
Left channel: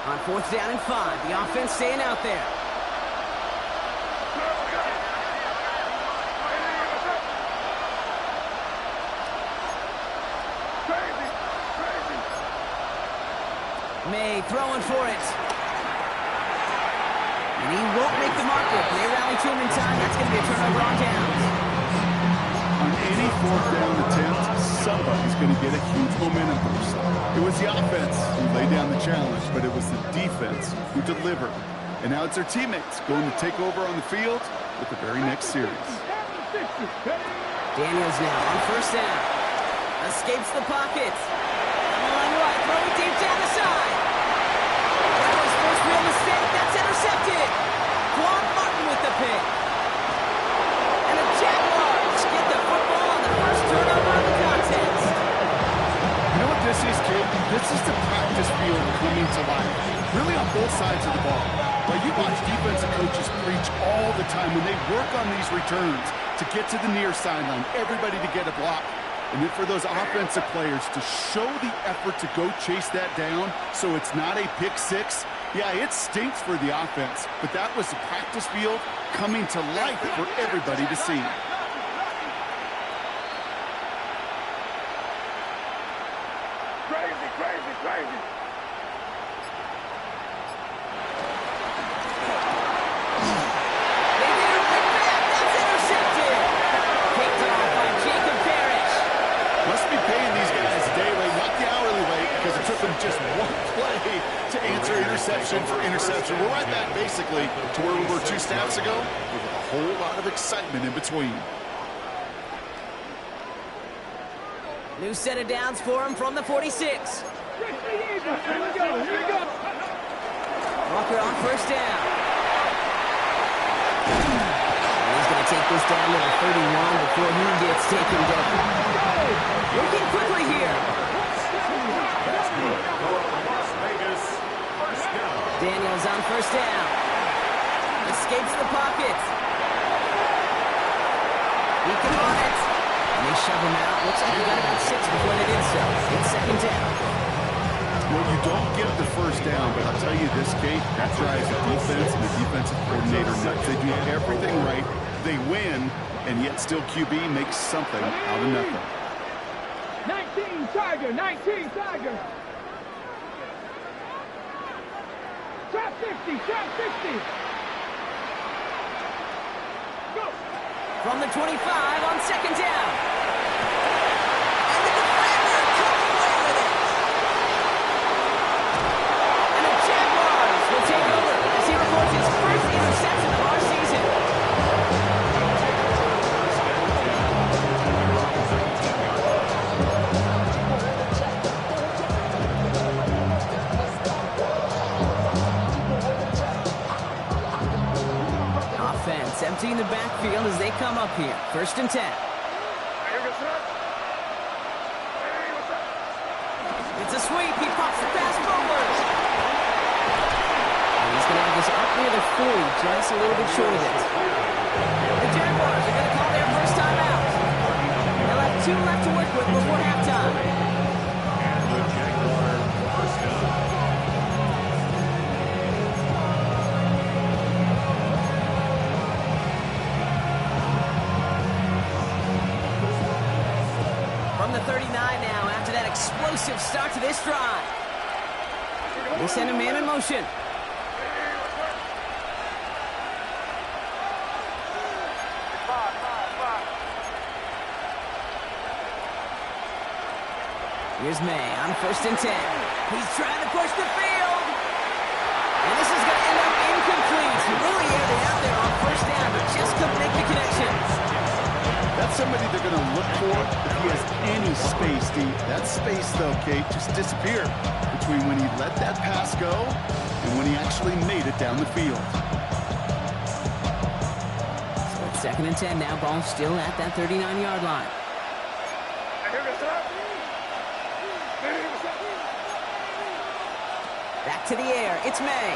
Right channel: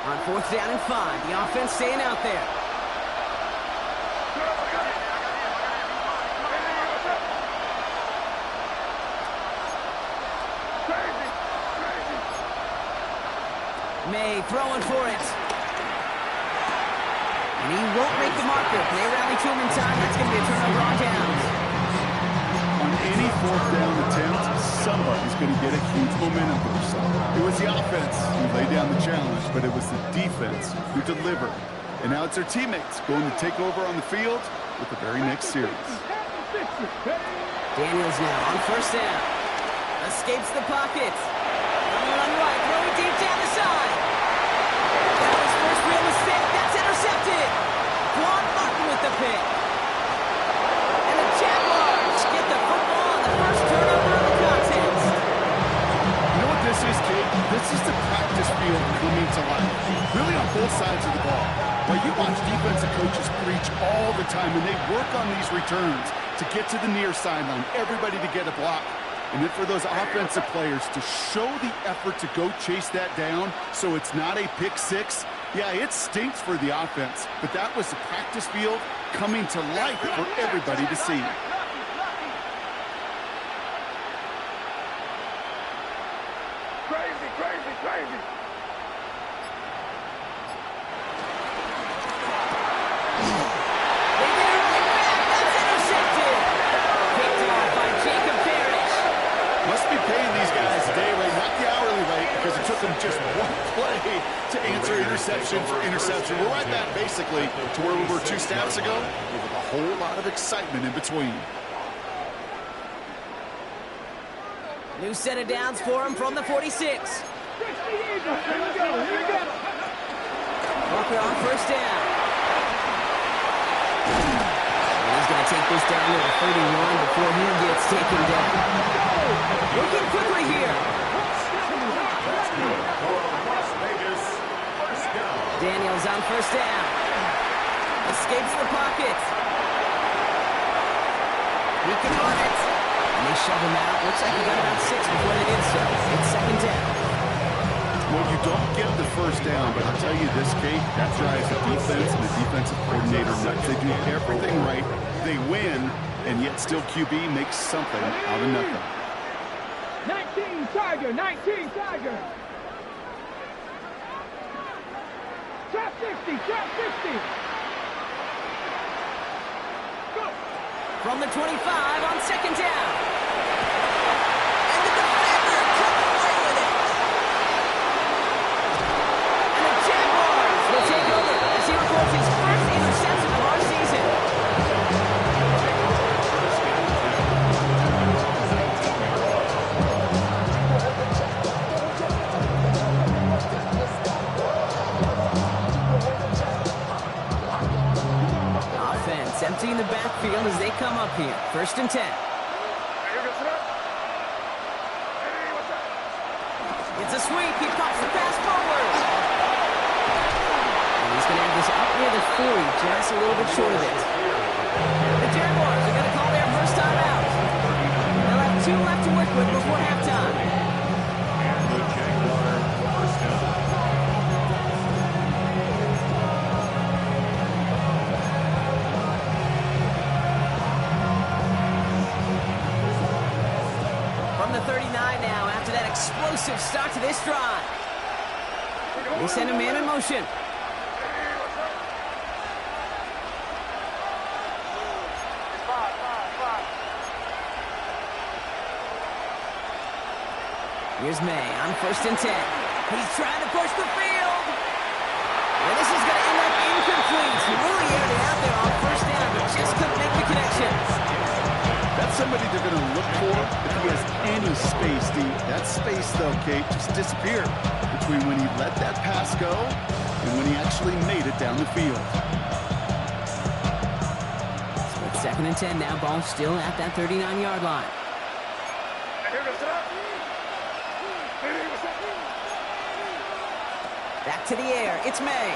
On 4th down and 5, the offense staying out there. May throwing for it. And he won't make the marker. They rally to him in time. That's going to be a turnover on downs. On any 4th down attempt, somebody's going to get a huge momentum boost. It was the offense who laid down the challenge, but it was the defense who delivered. And now it's their teammates going to take over on the field with the very next series. Daniels now on 1st down. Escapes the pocket. On the run right, throwing deep down the side. That was first real mistake. That's intercepted. Quan Martin with the pick. And the Jaguars get the football on the first turnover of the contest. You know what this is, Kate? This is the practice field coming to life. Really on both sides of the ball. While you watch defensive coaches preach all the time when they work on these returns to get to the near sideline, everybody to get a block. And then for those offensive players to show the effort to go chase that down so it's not a pick six, yeah, it stinks for the offense. But that was the practice field coming to life for everybody to see. Crazy, crazy, crazy. They get it right back. That's intercepted. Picked off by Jacob Parrish. Must be paying these guys day rate, not the hourly rate, because it took them just one play to answer interception for interception. We're right back, basically, to where we were 2 snaps ago, with a whole lot of excitement in between. New set of downs for him from the 46. Here we go. Walker on 1st down. And he's going to take this down to the 31 before he gets taken down. Working quickly here. That's good for Las Vegas. 1st down. Daniels on 1st down. Escapes the pocket. He can run it. And they shove him out. Looks like he got about 6 before they did so. It's 2nd down. Well, you don't get the 1st down, but I'll tell you this, Kate, that drives the defense and the defensive coordinator nuts. They do everything right. They win, and yet still QB makes something out of nothing. 19 Tiger, 19 Tiger. Trap 60, trap 60. Go. From the 25 on 2nd down. And the defender comes away with it. And the Jaguars will take over as he records his first interception of our season. Take over 1st and 10. They're on the 19-yard line. Offense emptying the backfield. field as they come up here. 1st and 10. It's a sweep. He pops the pass forward. And he's going to have this up near the 40, just a little bit short of it. The Jaguars are going to call their first time out. They'll have 2 left to work with before halftime. And the Jaguar first down. From the 39 now, after that explosive start to this drive. They send a man in motion. Here's May on 1st and 10. He's trying to push the field. And this is going to end up incomplete. He really aired it out there on 1st down, but just couldn't make the connection. That's somebody they're going to look for if he has any space, D. That space, though, Kate, just disappeared between when he let that pass go and when he actually made it down the field. So it's 2nd and 10 now. Ball still at that 39-yard line. Back to the air. It's May.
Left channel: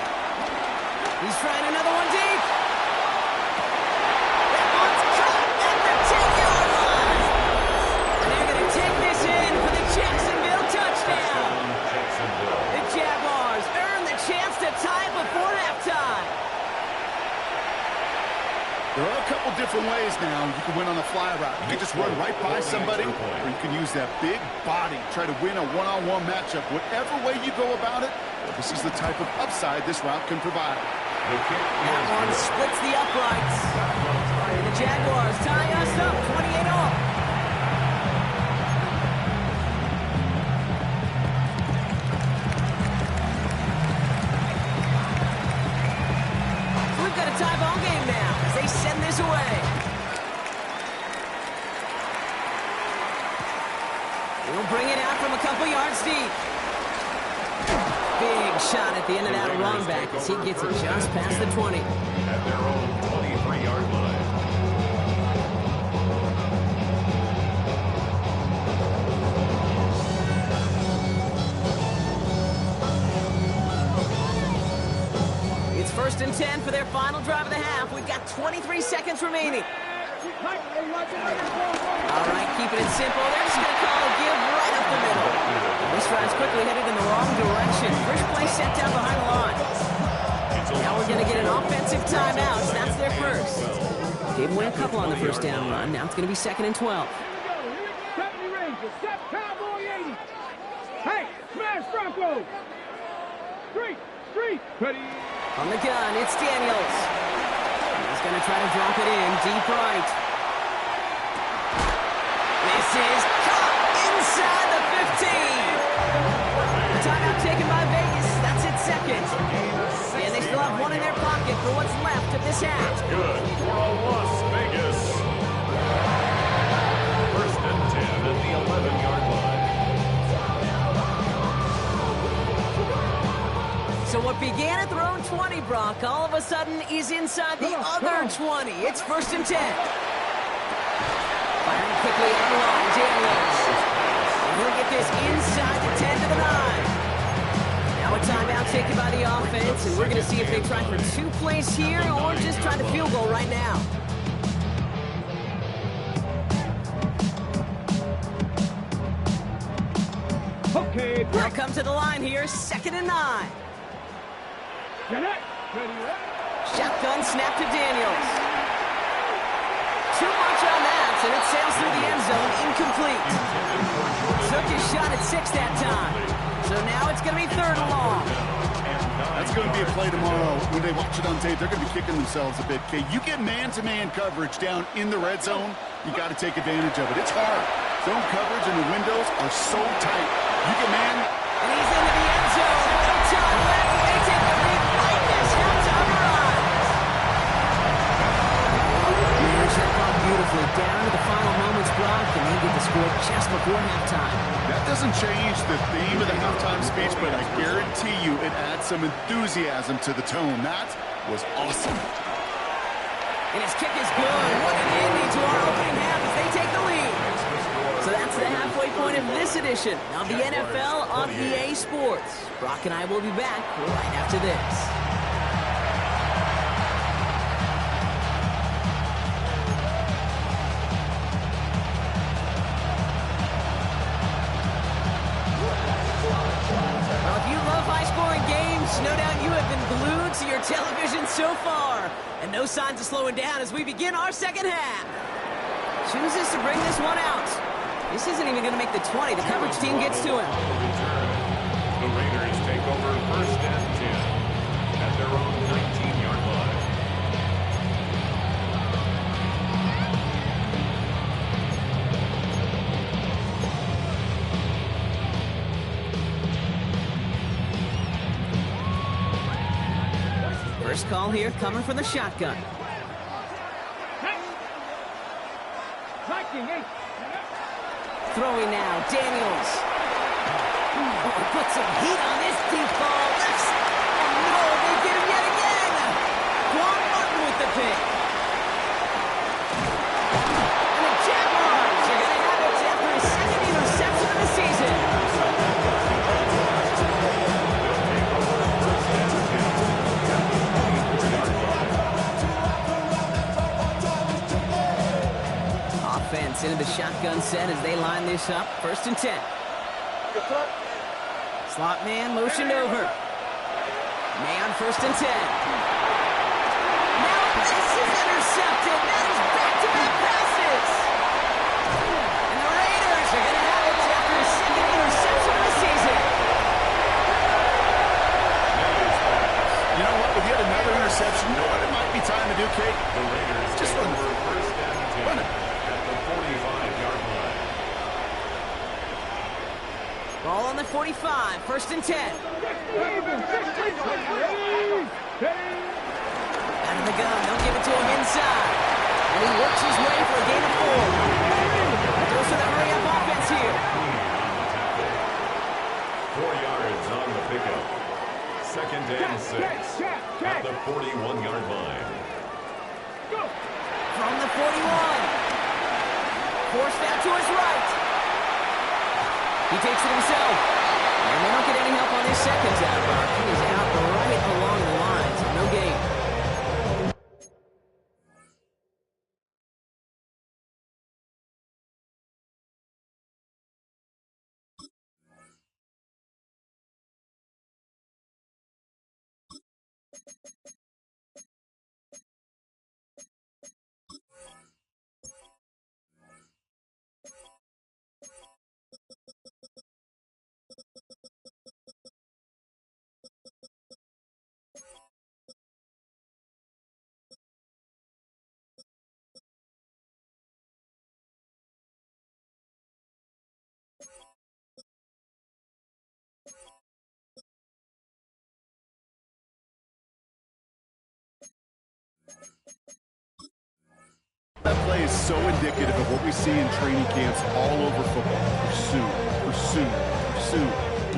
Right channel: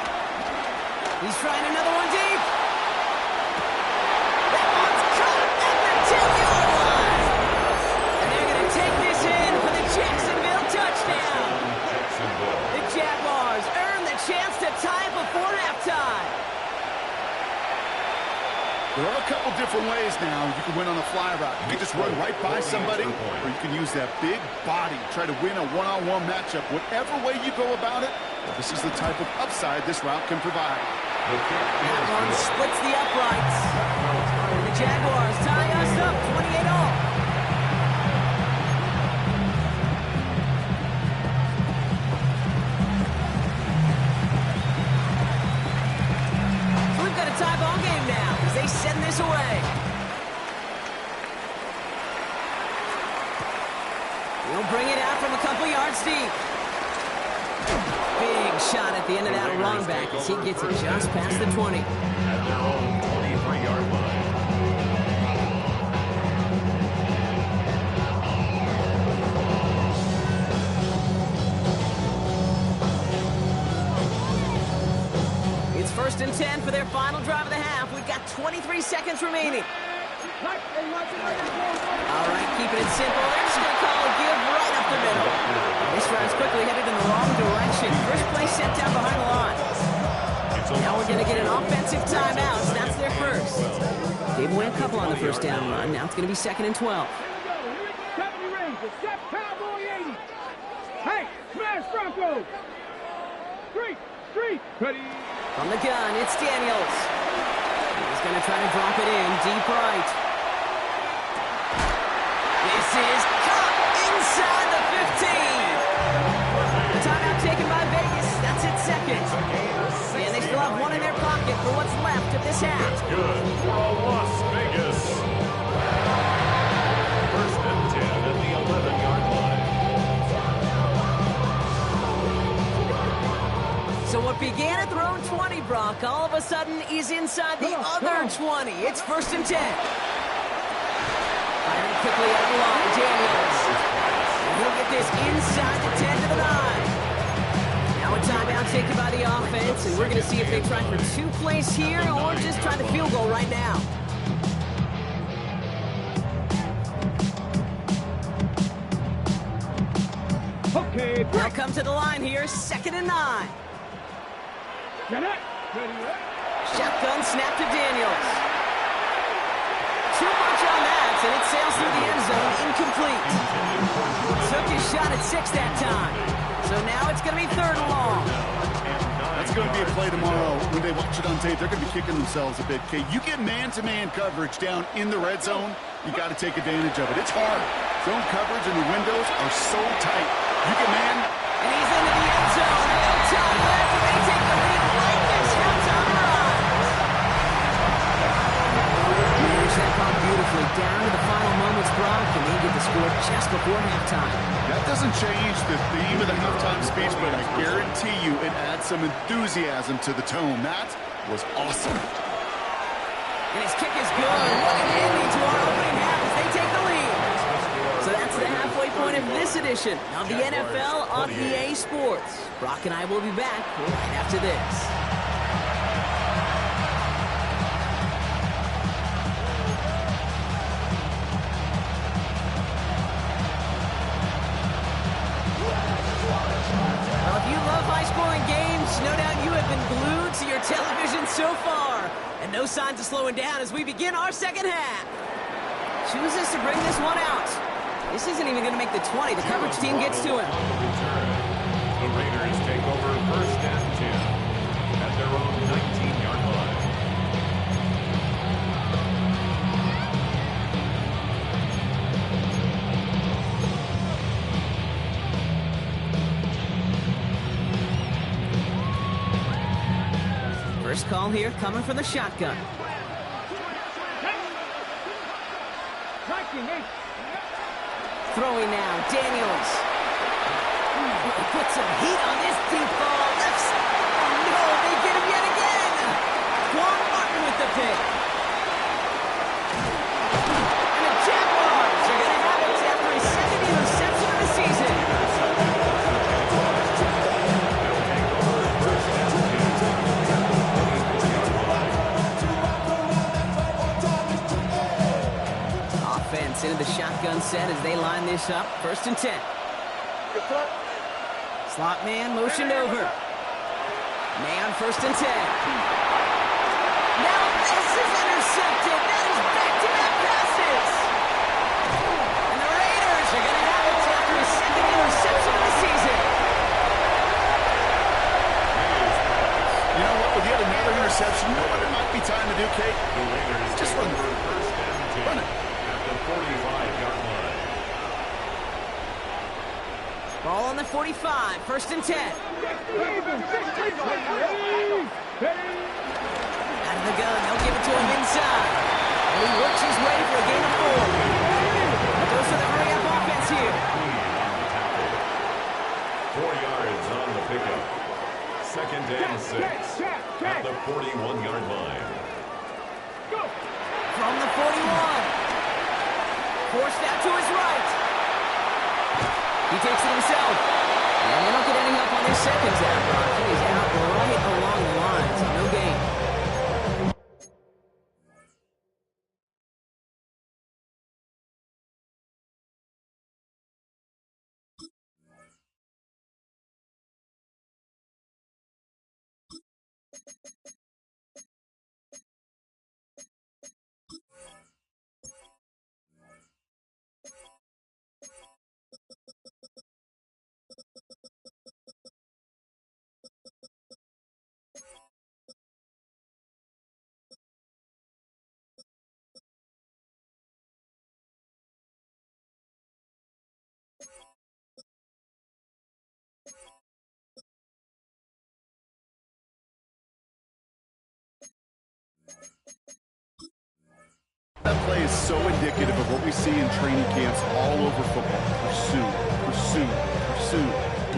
He's trying another one deep. That one's caught at the 10-yard line. And they're going to take this in for the Jacksonville touchdown. The Jaguars earn the chance to tie before halftime. There are a couple different ways now. You can win on a fly route. You can just run right by somebody, or you can use that big body, try to win a one-on-one matchup. Whatever way you go about it, well, this is the type of upside this route can provide. That one splits the uprights. And the Jaguars tie us up 28-all. So we've got a tie ball game now as they send this away. He'll bring it out from a couple yards deep. Big shot at the end of that run back as he gets it just past the 20. At their own 23-yard line. It's 1st and 10 for their final drive of the half. We've got 23 seconds remaining. All right, keeping it simple. They're just going to call a give right up the middle. This drive's quickly headed in the wrong direction. First play set down behind the line. Now we're going to get an offensive timeout. That's their first. Gave away a couple on the first down run. Now it's going to be 2nd and 12. 70 Rangers, step Cowboy 80. Hey, smash Bronco. Street, ready. From the gun, it's Daniels. He's going to try to drop it in deep right. This is caught inside the 15. Timeout taken by Vegas. That's its 2nd. And they still have one in their pocket for what's left of this half. That's good for Las Vegas. 1st and 10 at the 11-yard line. So what began at their own 20, Brock, all of a sudden is inside the other 20. It's 1st and 10. Firing quickly out of the line, Daniels. And he'll get this inside the 10 to the 9. Now a timeout taken by the offense, and we're going to see if they try for 2 plays here or just try the field goal right now. Okay, They'll come to the line here, 2nd and 9. get it. Ready. Shotgun snap to Daniels. Too much on that, and it sails through the end zone, incomplete. Took his shot at 6 that time. So now it's going to be 3rd and long. That's going to be a play tomorrow. When they watch it on tape, they're going to be kicking themselves a bit. Okay, you get man-to-man coverage down in the red zone, you got to take advantage of it. It's hard. Zone coverage and the windows are so tight. You get man. And he's into the end zone. No time left, and they take the lead right as halftime arrives. Manage that clock beautifully down to the final moments, Brock, and they get the score just before halftime. That doesn't change the theme of the halftime speech, but I guarantee you it adds some enthusiasm to the tone. That was awesome. And his kick is good. What an ending to our opening half as they take the lead. So that's the halfway point of this edition of the NFL on EA Sports. Brock and I will be back right after this. High-scoring games, no doubt you have been glued to your television so far. And no signs of slowing down as we begin our second half. Chooses to bring this one out. This isn't even going to make the 20. The coverage team gets to him. The Raiders take over first and 10 at their own 19-yard line. First call here coming from the shotgun. Throwing now, Daniels. Put some heat on this deep ball. Oh no, they get him yet again. Quan Martin with the pick. And the Jaguars are going to have it after his second interception of the season. Offense into the shotgun set as they line this up. First and 10. Slot man motioned over. May on first and 10. Now this is intercepted. That is back-to-back passes. And the Raiders are going to have it after his second interception of the season. You know what? With yet another interception, you know what it might be time to do, Kate? The Raiders just run the first and 10. Run it. At the 45-yard line. Ball on the 45, first and 10. Out of the gun, they'll give it to him inside. And he works his way for a gain of 4. Goes for the hurry-up offense here. On the tackle. 4 yards on the pickup. Second and 6 at the 41-yard line. From the 41. Forced out to his right. He takes it himself. And they don't get any help on this second down, Brock. He is out right along the line, so no gain. That play is so indicative of what we see in training camps all over football. Pursuit, pursuit, pursuit.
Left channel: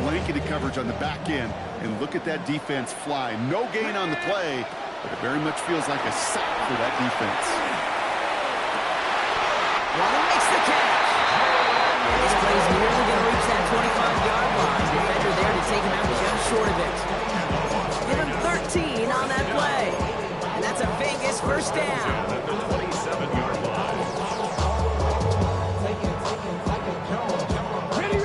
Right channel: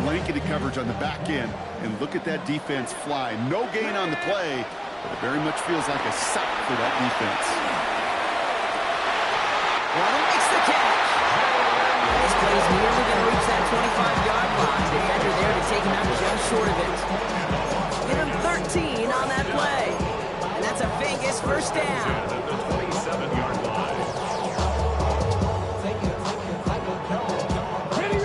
Blanketed coverage on the back end. And look at that defense fly. No gain on the play, but it very much feels like a sack for that defense. Waddle makes the catch. This play's nearly going to reach that 25-yard line. Defender there to take him out just short of it. Give him 13 on that play. And that's a Vegas first down. At the 27-yard line. Ready.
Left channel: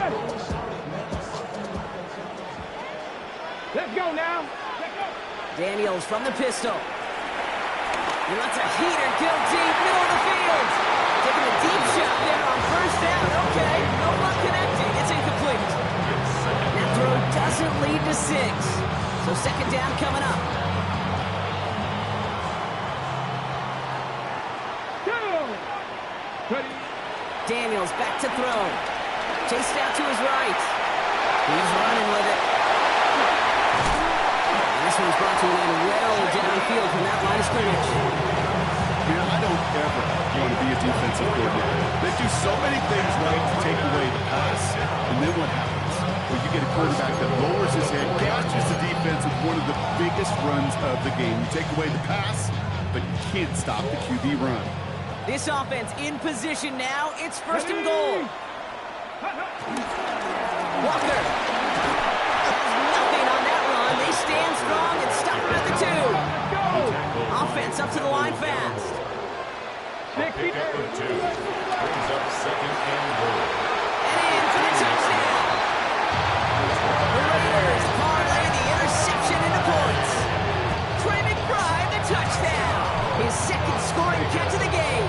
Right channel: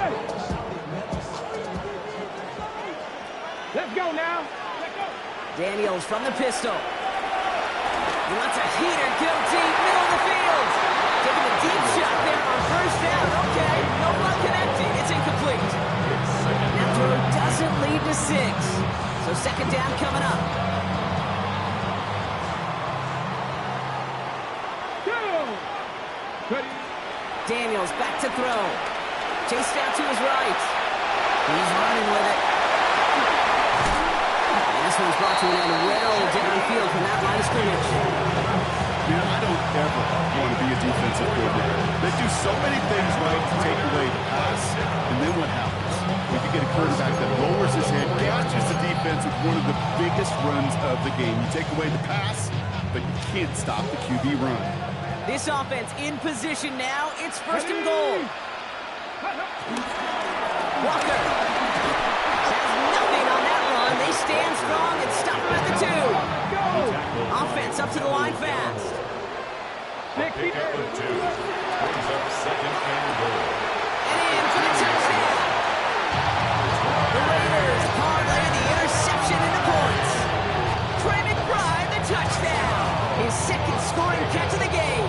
Let's go now. Let's go. Daniels from the pistol. He wants a heater, kill deep, middle of the field. Taking a deep shot there on first down. Okay, no luck connecting. It's incomplete. That throw doesn't lead to 6. So second down coming up. Daniels back to throw. Chased out to his right. He's running with it. And this one's brought to an end well downfield from that line of scrimmage. Man, I don't ever want to be a defensive coordinator. They do so many things right to take away the pass, and then what happens? Well, you get a quarterback that lowers his head, gashes the defense with one of the biggest runs of the game. You take away the pass, but you can't stop the QB run. This offense in position now. It's first and goal. Walker has nothing on that run. They stand strong and stop him at the 2. Offense up to the line fast. A pickup of 2. Brings up second and goal. And in for the touchdown. The Raiders parlay the interception into points. Trey McBride, the touchdown. His second scoring catch of the game.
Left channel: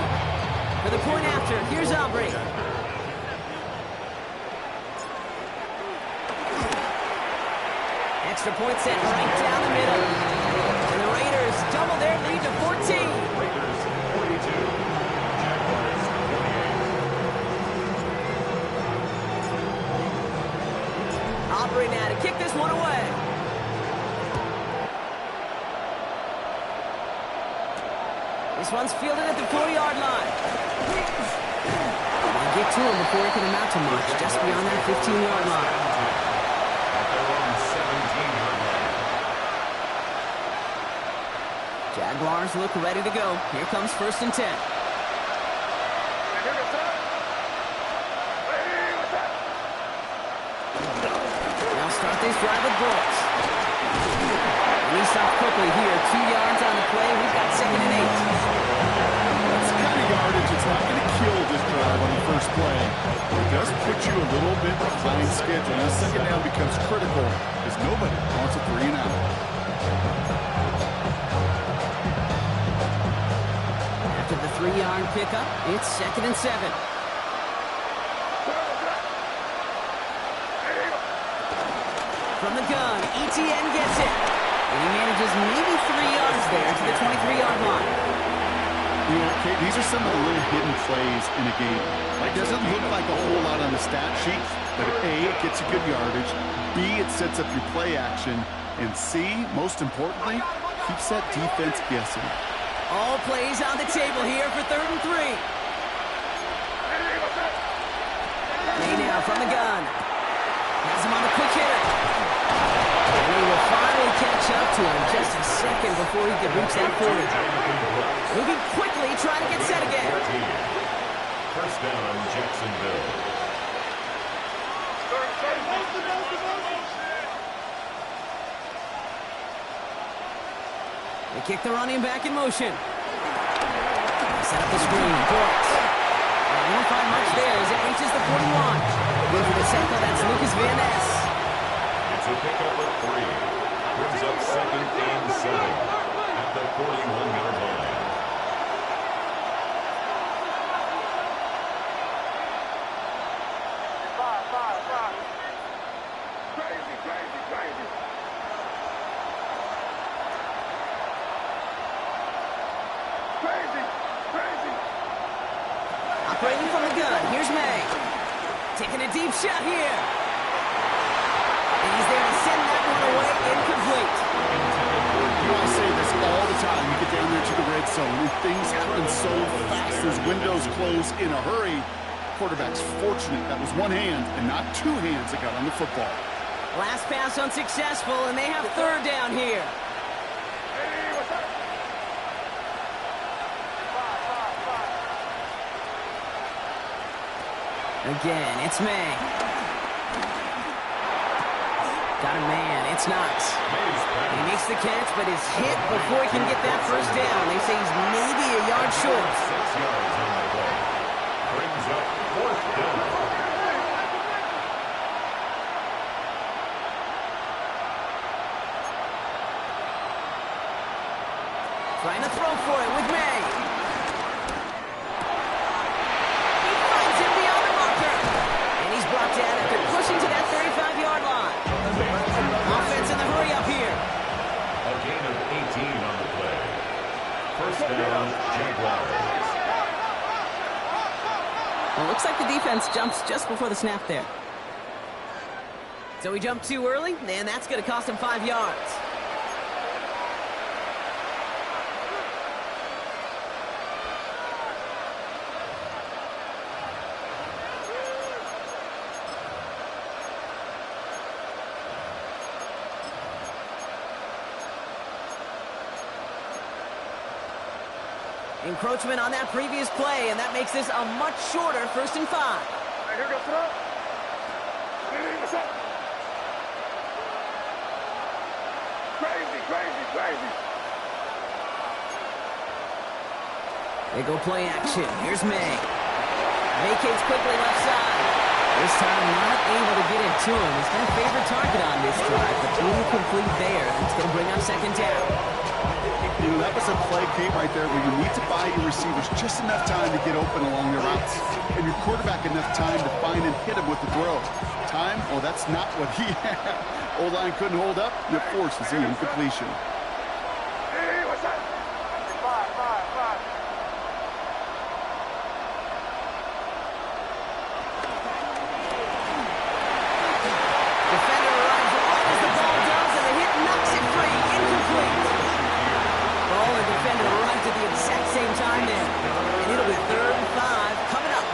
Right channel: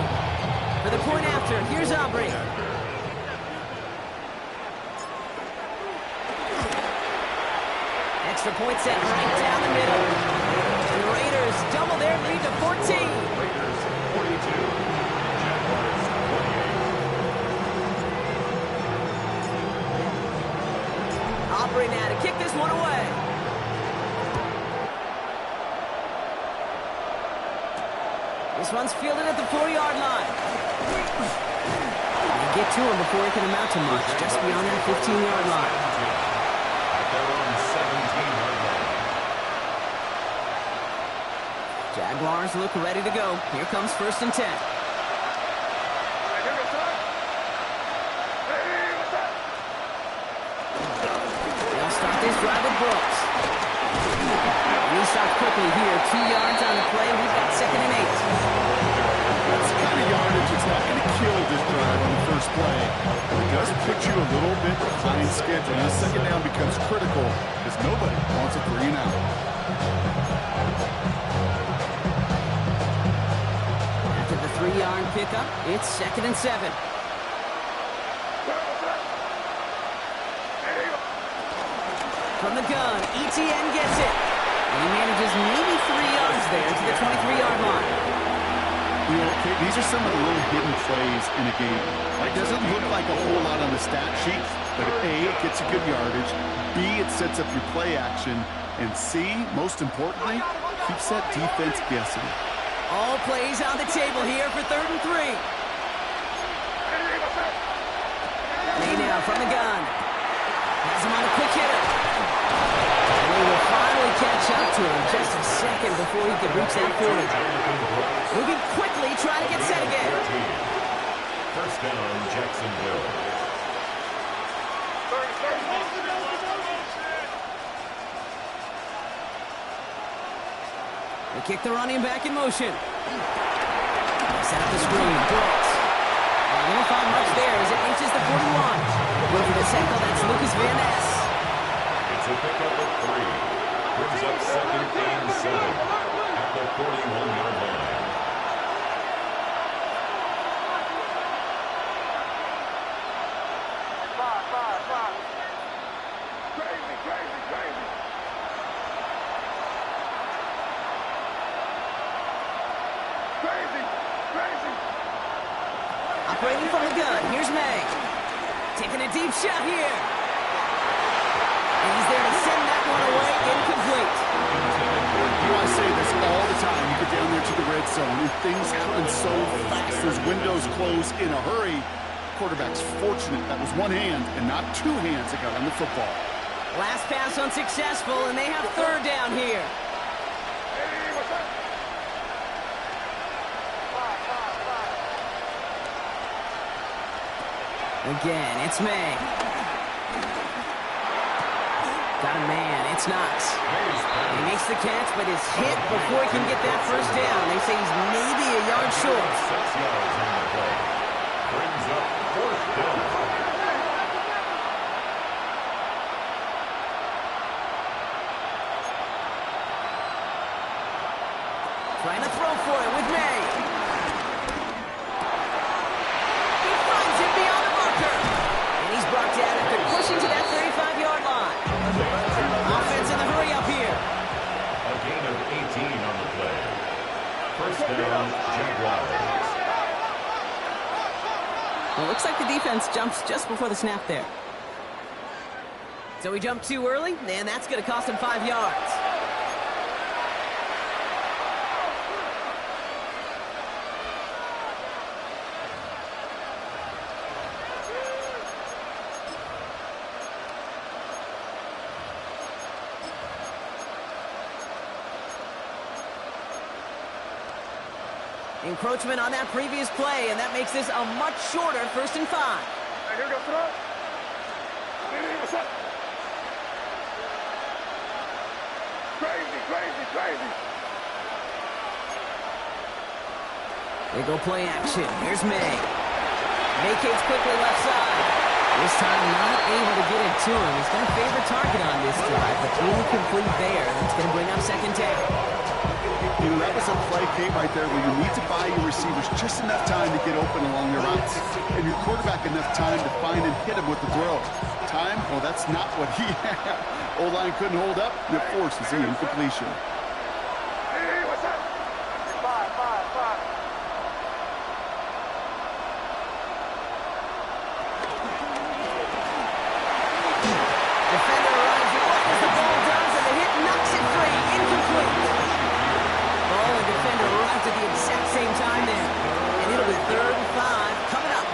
For the point after, here's Aubrey. Extra point set right down the middle. And the Raiders double their lead to 14. Raiders 42. Jaguars 28. Aubrey now to kick this one away. This one's fielded at the 4-yard line. They get to him before he can amount to much, just beyond that 15-yard line. At their own 17-yard line. Jaguars look ready to go. Here comes first and 10. They'll start this drive with Brooks. And he stopped quickly here. 2 yards on the play. We've got second and 8. That's the kind of yardage that's not going to kill this drive on the first play. It does put you a little bit behind schedule. Now, second down becomes critical because nobody wants a 3 and out. After the 3-yard pickup, it's second and 7. From the gun, ETN gets it. And he manages maybe 3 yards there to the 23-yard line. You know, Kate, these are some of the little hidden plays in a game. It doesn't look like a whole lot on the stat sheet, but A, it gets you good yardage. B, it sets up your play action. And C, most importantly, keeps that defense guessing. All plays on the table here for third and 3. Lay now from the gun. Has him on the quick hitter. And he will finally catch up to him just a second before he could reach that 40. Moving quickly, trying to get set again. First down, Jacksonville. They kick the running back in motion. They set up the screen. Brooks. And he won't find much there as it reaches the 41. Looking for the tackle, that's Lucas Van Ness. It's a pickup of 3. Brings up second and 7 at the 41-yard line. Five. Crazy. Operating from the gun, here's May. Taking a deep shot here. And he's there to send that one away, incomplete. You know, I say this all the time. You get down there to the red zone, and things happen so fast. Those windows close in a hurry. Quarterback's fortunate that was one hand and not 2 hands that got on the football. Last pass unsuccessful, and they have third down here. Hey, what's up? Five. Again, it's May. Got a man, it's Knox. He makes the catch, but is hit before he can get that first down. They say he's maybe a yard short. 6 yards on the play. Brings up fourth down. Trying to throw for it with May. He finds him beyond the marker. And he's brought down after pushing to that 35-yard line. Offense in the hurry up here. A gain of 18 on the play. First down, Jaguars. Well, it looks like the defense jumps just before the snap there. So he jumped too early, and that's going to cost him 5 yards. Encroachment on that previous play, and that makes this a much shorter 1st and 5. Hey, here we go, throw. Hey, what's up? Crazy, crazy, crazy. They go play action. Here's May. Vacates quickly left side. This time not able to get it to him. He's got a favorite target on this drive, but incomplete there. It's going to bring up 2nd down. You know, that was a play, Kate, right there where you need to buy your receivers just enough time to get open along their routes. And your quarterback enough time to find and hit him with the throw. Time? Well, that's not what he had. O-line couldn't hold up, and it forces the incompletion. Hey, what's up? 5. Defender arrives right as the ball does, and the hit knocks it free. Incomplete. Ball and defender arrived at the exact same time there. And it'll be 3rd and 5 coming up. 5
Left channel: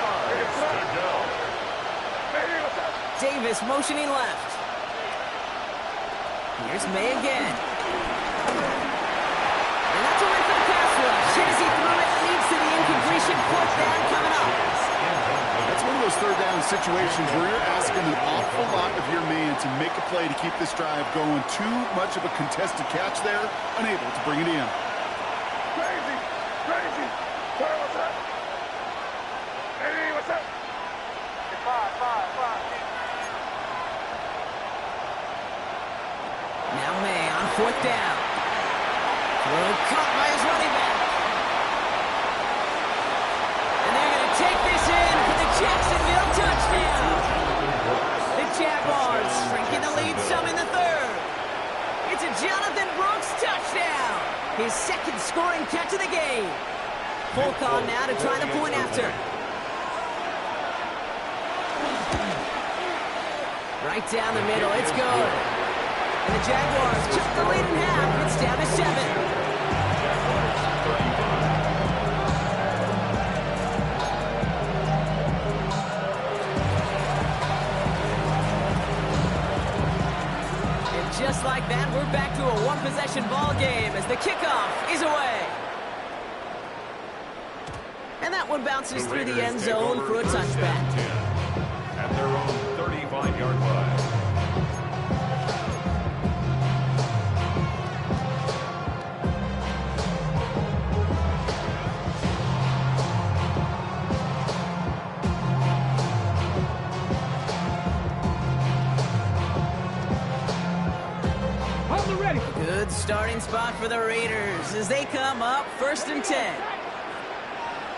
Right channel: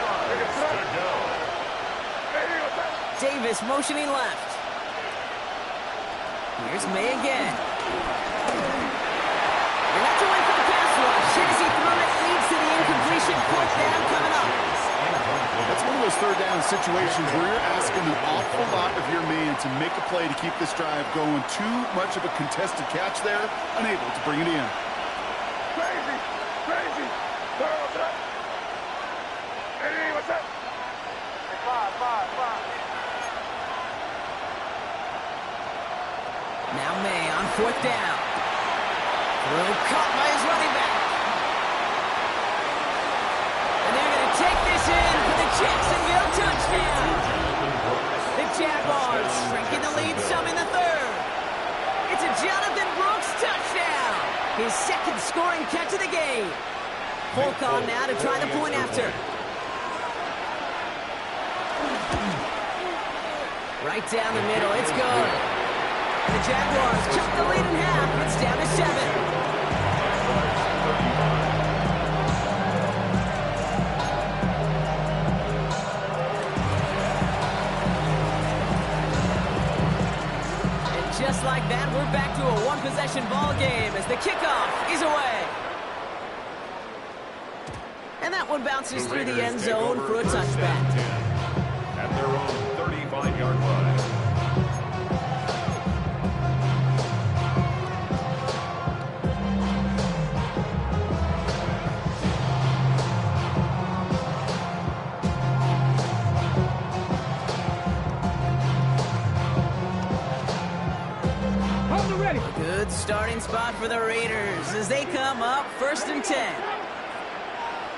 yards to go. Hey, what's up? Davis motioning left. Here's May again. And that's a win for the pass rush. Hit as he threw it, leads to the incompletion. 4th down coming up. That's one of those 3rd down situations where you're asking an awful lot of your man to make a play to keep this drive going. Too much of a contested catch there, unable to bring it in. Crazy, crazy. Hey, what's up? Hey, what's up? Hey, 5. Now May on 4th down. Throw caught by his running back. And they're going to take this in for the Jacksonville touchdown. The Jaguars shrinking the lead some in the 3rd. It's a Jonathan Brooks touchdown. His 2nd scoring catch of the game. Polk on now to try the point after. Right down the middle, it's good. And the Jaguars chop the lead in half. It's down to 7. Jaguars 35. And just like that, we're back to a one-possession ball game as the kickoff is away. And that one bounces through the end zone for a touchback. 10 at their own 35-yard line. Hold it ready. Good starting spot for the Raiders as they come up 1st and 10.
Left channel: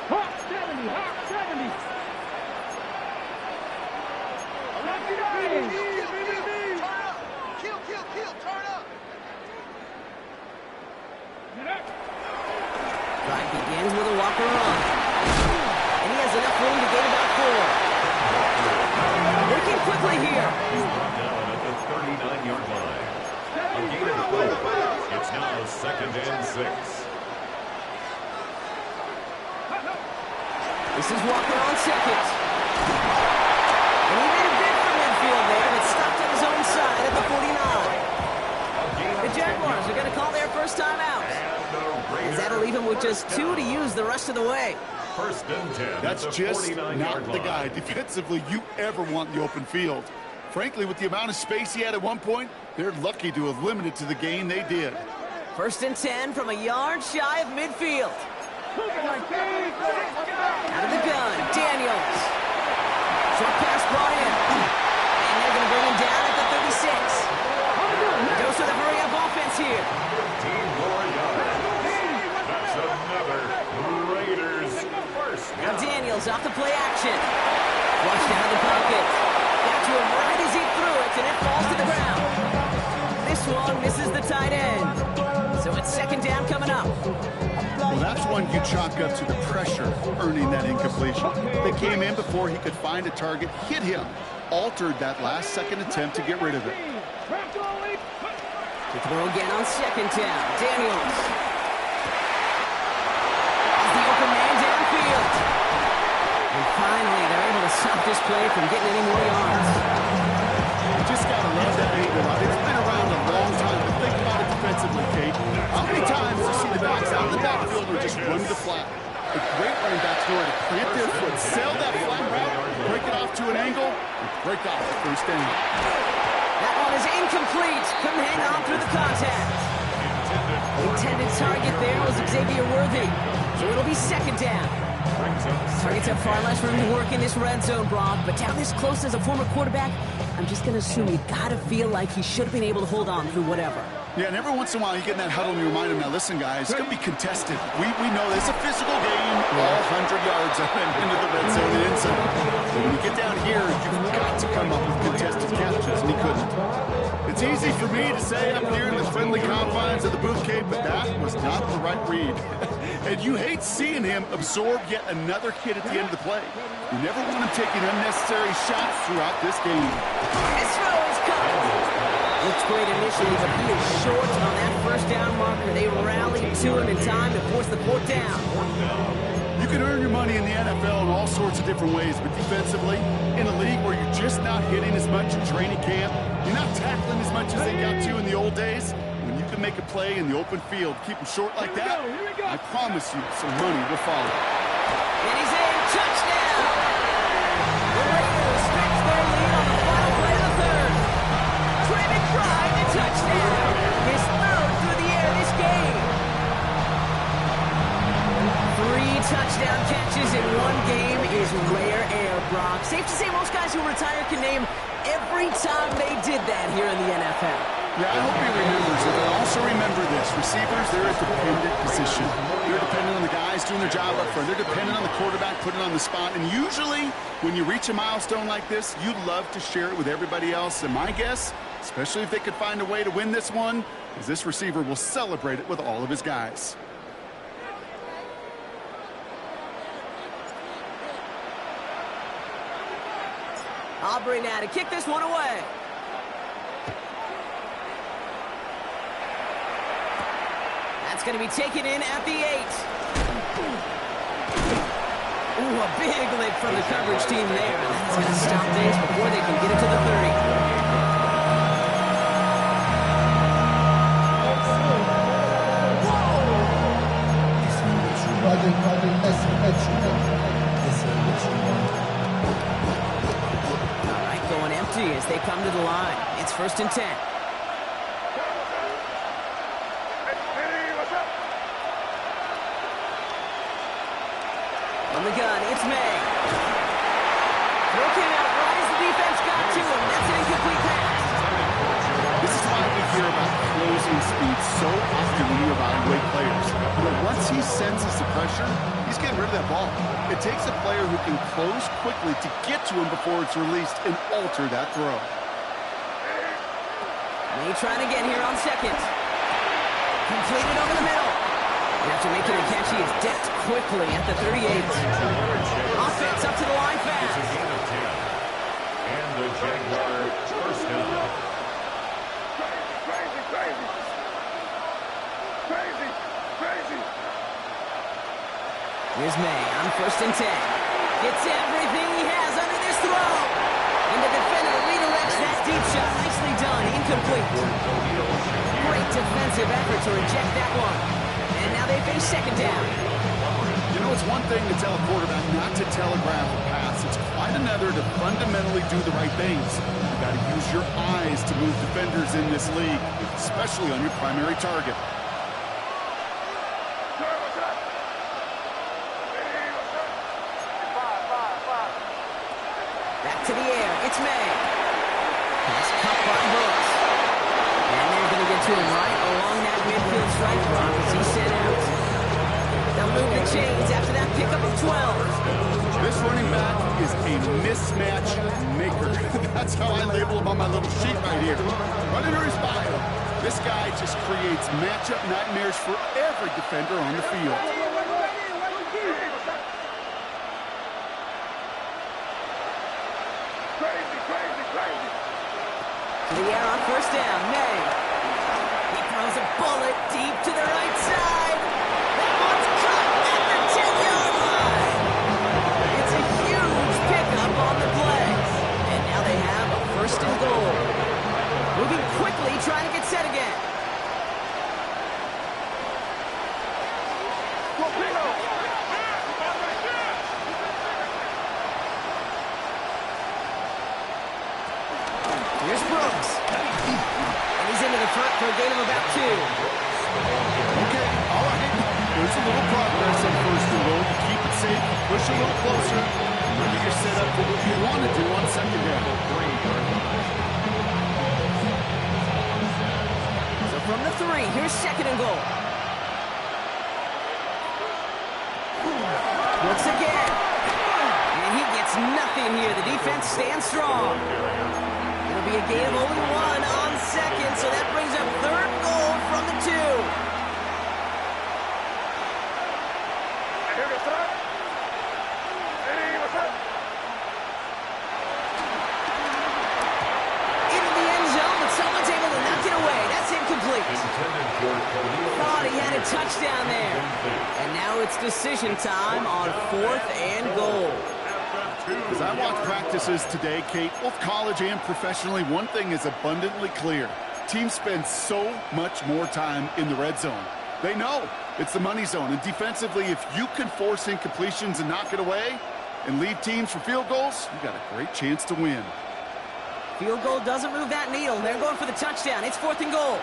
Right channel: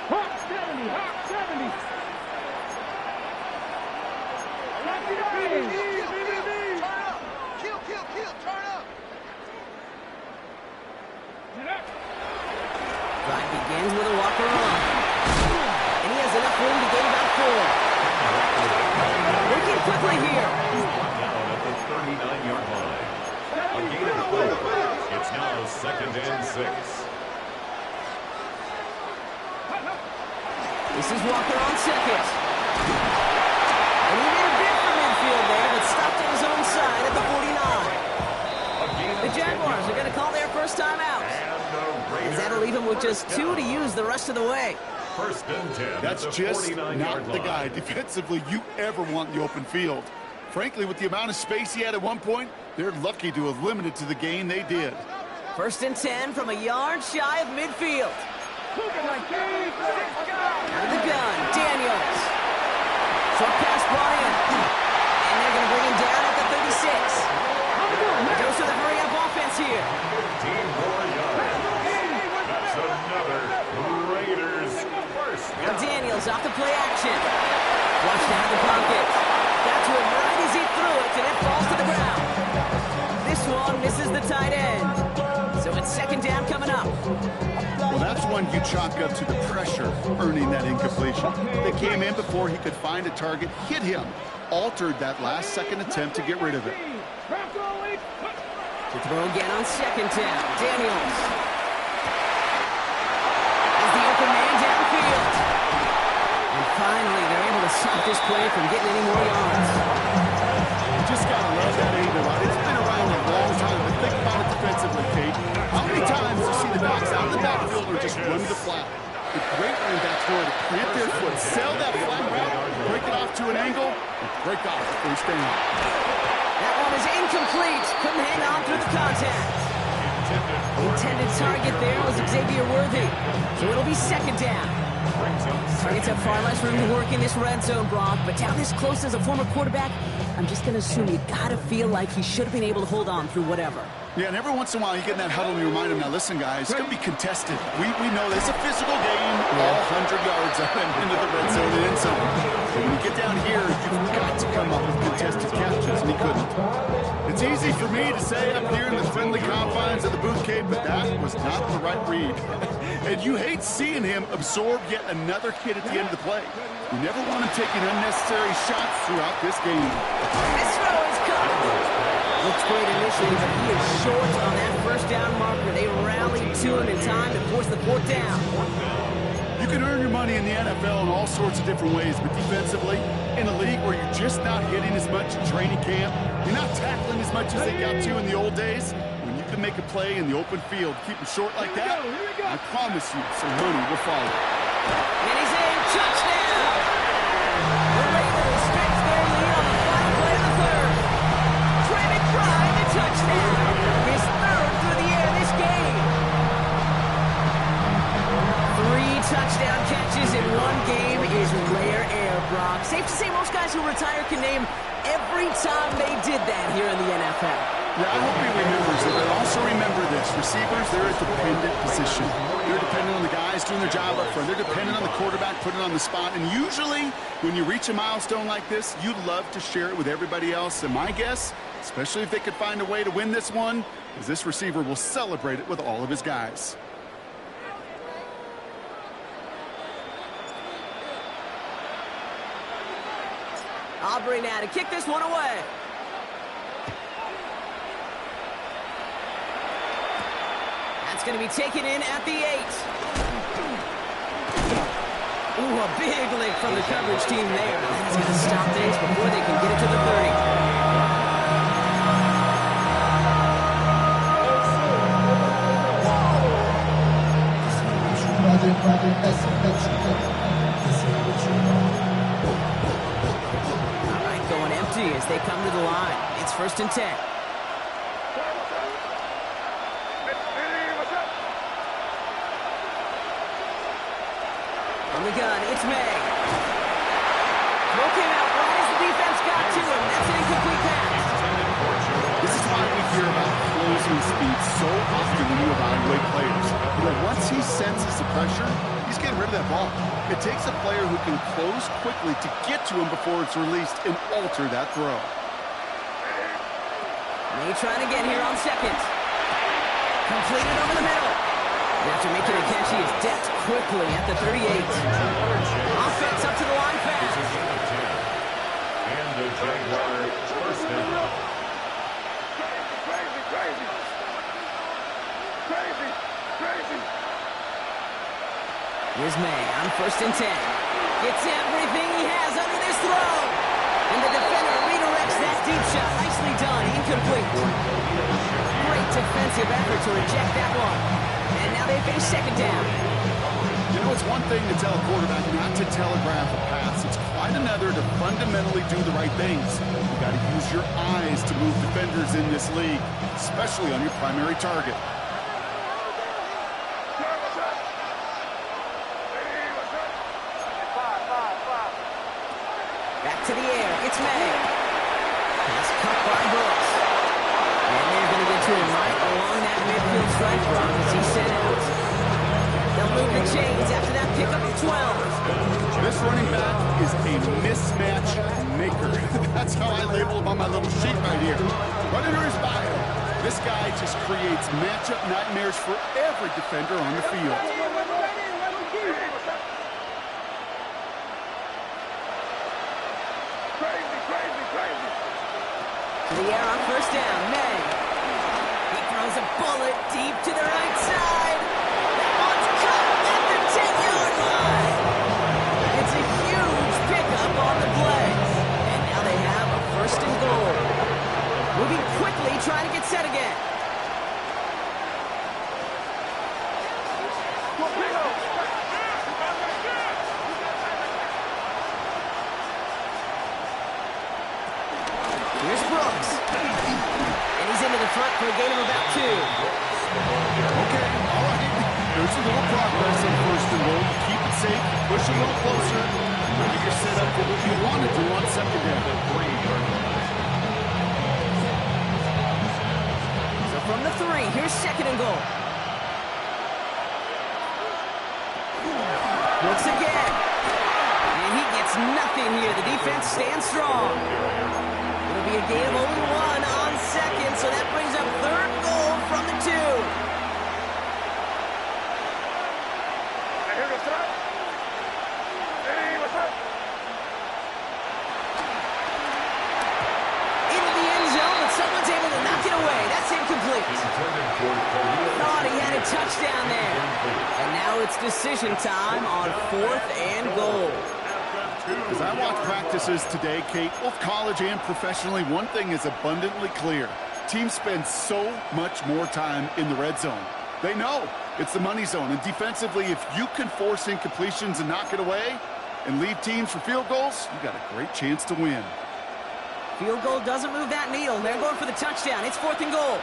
Hawk 70, Hawk 70. Kill, turn up. Get up. Drive begins with a walker on. And he has enough room to gain about 4. Working quickly here. He's brought down at the 39-yard line. A gain of 4. It's now 2nd and 6. This is Walker on 2nd. And he made a bid for midfield there, but stopped on his own side at the 49. The Jaguars are going to call their first time out. As that'll leave him with just 2 to use the rest of the way. 1st and 10. That's just not the guy defensively you ever want in the open field. Frankly, with the amount of space he had at one point, they're lucky to have limited to the gain they did. 1st and 10 from a yard shy of midfield. Out of the gun, Daniels. Short pass brought in. And they're going to bring him down at the 36. A dose of the hurry-up offense here. 15 more yards. That's another Raiders first Now down. Daniels off the play action. Flushed out of the pocket. Got to him right as he threw it, and it falls to the ground. This one misses the tight end. So it's 2nd down coming up. Well, that's one you chalk up to the pressure earning that incompletion. They came in before he could find a target, hit him, altered that last-second attempt to get rid of it. To throw again on 2nd down. Daniels. As the open man downfield. And finally, they're able to stop this play from getting any more yards. The just got to love that angle, right? It's been around a long time, but think about it defensively, Kate. How many times you see the backs out of the backfield or just run to the flat? The great running backs know how to plant their foot, sell that flat route, break it off to an angle, and break off the first down. That one is incomplete. Couldn't hang on through the contact. The intended target there was Xavier Worthy. So it'll be second down. Targets have far less room to work in this red zone, Brock, but down this close as a former quarterback, I'm just going to assume you got to feel like he should have been able to hold on through whatever. Yeah, and every once in a while you get in that huddle and you remind him, now listen, guys, it's going to be contested. We know this is a physical game, all 100 yards up and into the red zone and in zone. And when you get down here, you've got to come up with contested catches, and he couldn't. It's easy for me to say up here in the friendly confines of the booth, Kate, but that was not the right read. And you hate seeing him absorb yet another hit at the end of the play. You never want him taking unnecessary shots throughout this game. This throw is caught. Looks great initially, but he is short on that first down marker. They rallied to him in time to force the fourth down. You can earn your money in the NFL in all sorts of different ways, but defensively, in a league where you're just not hitting as much in training camp, you're not tackling as much as they got to in the old days, when you can make a play in the open field, keep them short like that, I promise you some money will follow. And he's in. Touchdown! The Raiders stretch their lead on the final play of the third. Trey McBride, the touchdown! His third through the air this game. 3 touchdown catches in one game is rare air, Brock. Safe to say most guys who retire can name every time they did that here in the NFL. Yeah, I hope he remembers it, but also remember this. Receivers, they're a dependent position. They're dependent on the guys doing their job up front. They're dependent on the quarterback putting it on the spot. And usually, when you reach a milestone like this, you love to share it with everybody else. And my guess, especially if they could find a way to win this one, is this receiver will celebrate it with all of his guys. Aubrey now to kick this one away. That's going to be taken in at the 8. Ooh, a big lick from the coverage team there. That's going to stop things before they can get it to the 30. All right, going empty as they come to the line. It's 1st and 10. From the gun, it's May. Throw came out right as the defense got to him. That's an incomplete pass. This is why we hear about closing speed so often when you evaluate players. You know, once he senses the pressure, he's getting rid of that ball. It takes a player who can close quickly to get to him before it's released and alter that throw. May trying again here on 2nd. Completed over the middle. And after making a catch, he is decked quickly at the 38. Offense up to the line fast. It's a gain of 10. And the Jaguar first down. Crazy. Here's May on 1st and 10. Gets everything he has under this throw. And the defender redirects that deep shot. Nicely done. Incomplete. Great defensive effort to reject that one. And now they face 2nd down. You know, it's one thing to tell a quarterback not to telegraph a pass. It's quite another to fundamentally do the right things. You got to use your eyes to move defenders in this league, especially on your primary target. Back to the air. It's May. Pass cut by Brooks. And they're going to get to him right along that midfield strike block as he sent out. They'll move the chains after that pickup of 12. This running back is a mismatch maker. That's how I label him on my little sheet right here. Right under his bio, this guy just creates matchup nightmares for every defender on the field. Crazy. To the air on 1st down, May. He throws a bullet deep to the right side. That one's cut at the 10-yard line. It's a huge pickup on the play. And now they have a 1st and goal. Here's Brooks. And he's into the front for a gain of about 2. Okay, all right. There's a little progress on first and goal. You keep it safe, you push a little closer, and maybe you're set up for what you want to do on second down. So from the 3, here's second and goal. Brooks again. And he gets nothing here. The defense stands strong. It'll be a gain of only 1 on second, so that brings up third goal from the 2. Into the end zone, but someone's able to knock it away. That's incomplete. Thought he had a touchdown there. And now it's decision time on 4th and goal. As I watch practices today, Kate, both college and professionally, one thing is abundantly clear. Teams spend so much more time in the red zone. They know it's the money zone. And defensively, if you can force incompletions and knock it away and leave teams for field goals, you got a great chance to win. Field goal doesn't move that needle. They're going for the touchdown. It's 4th and goal.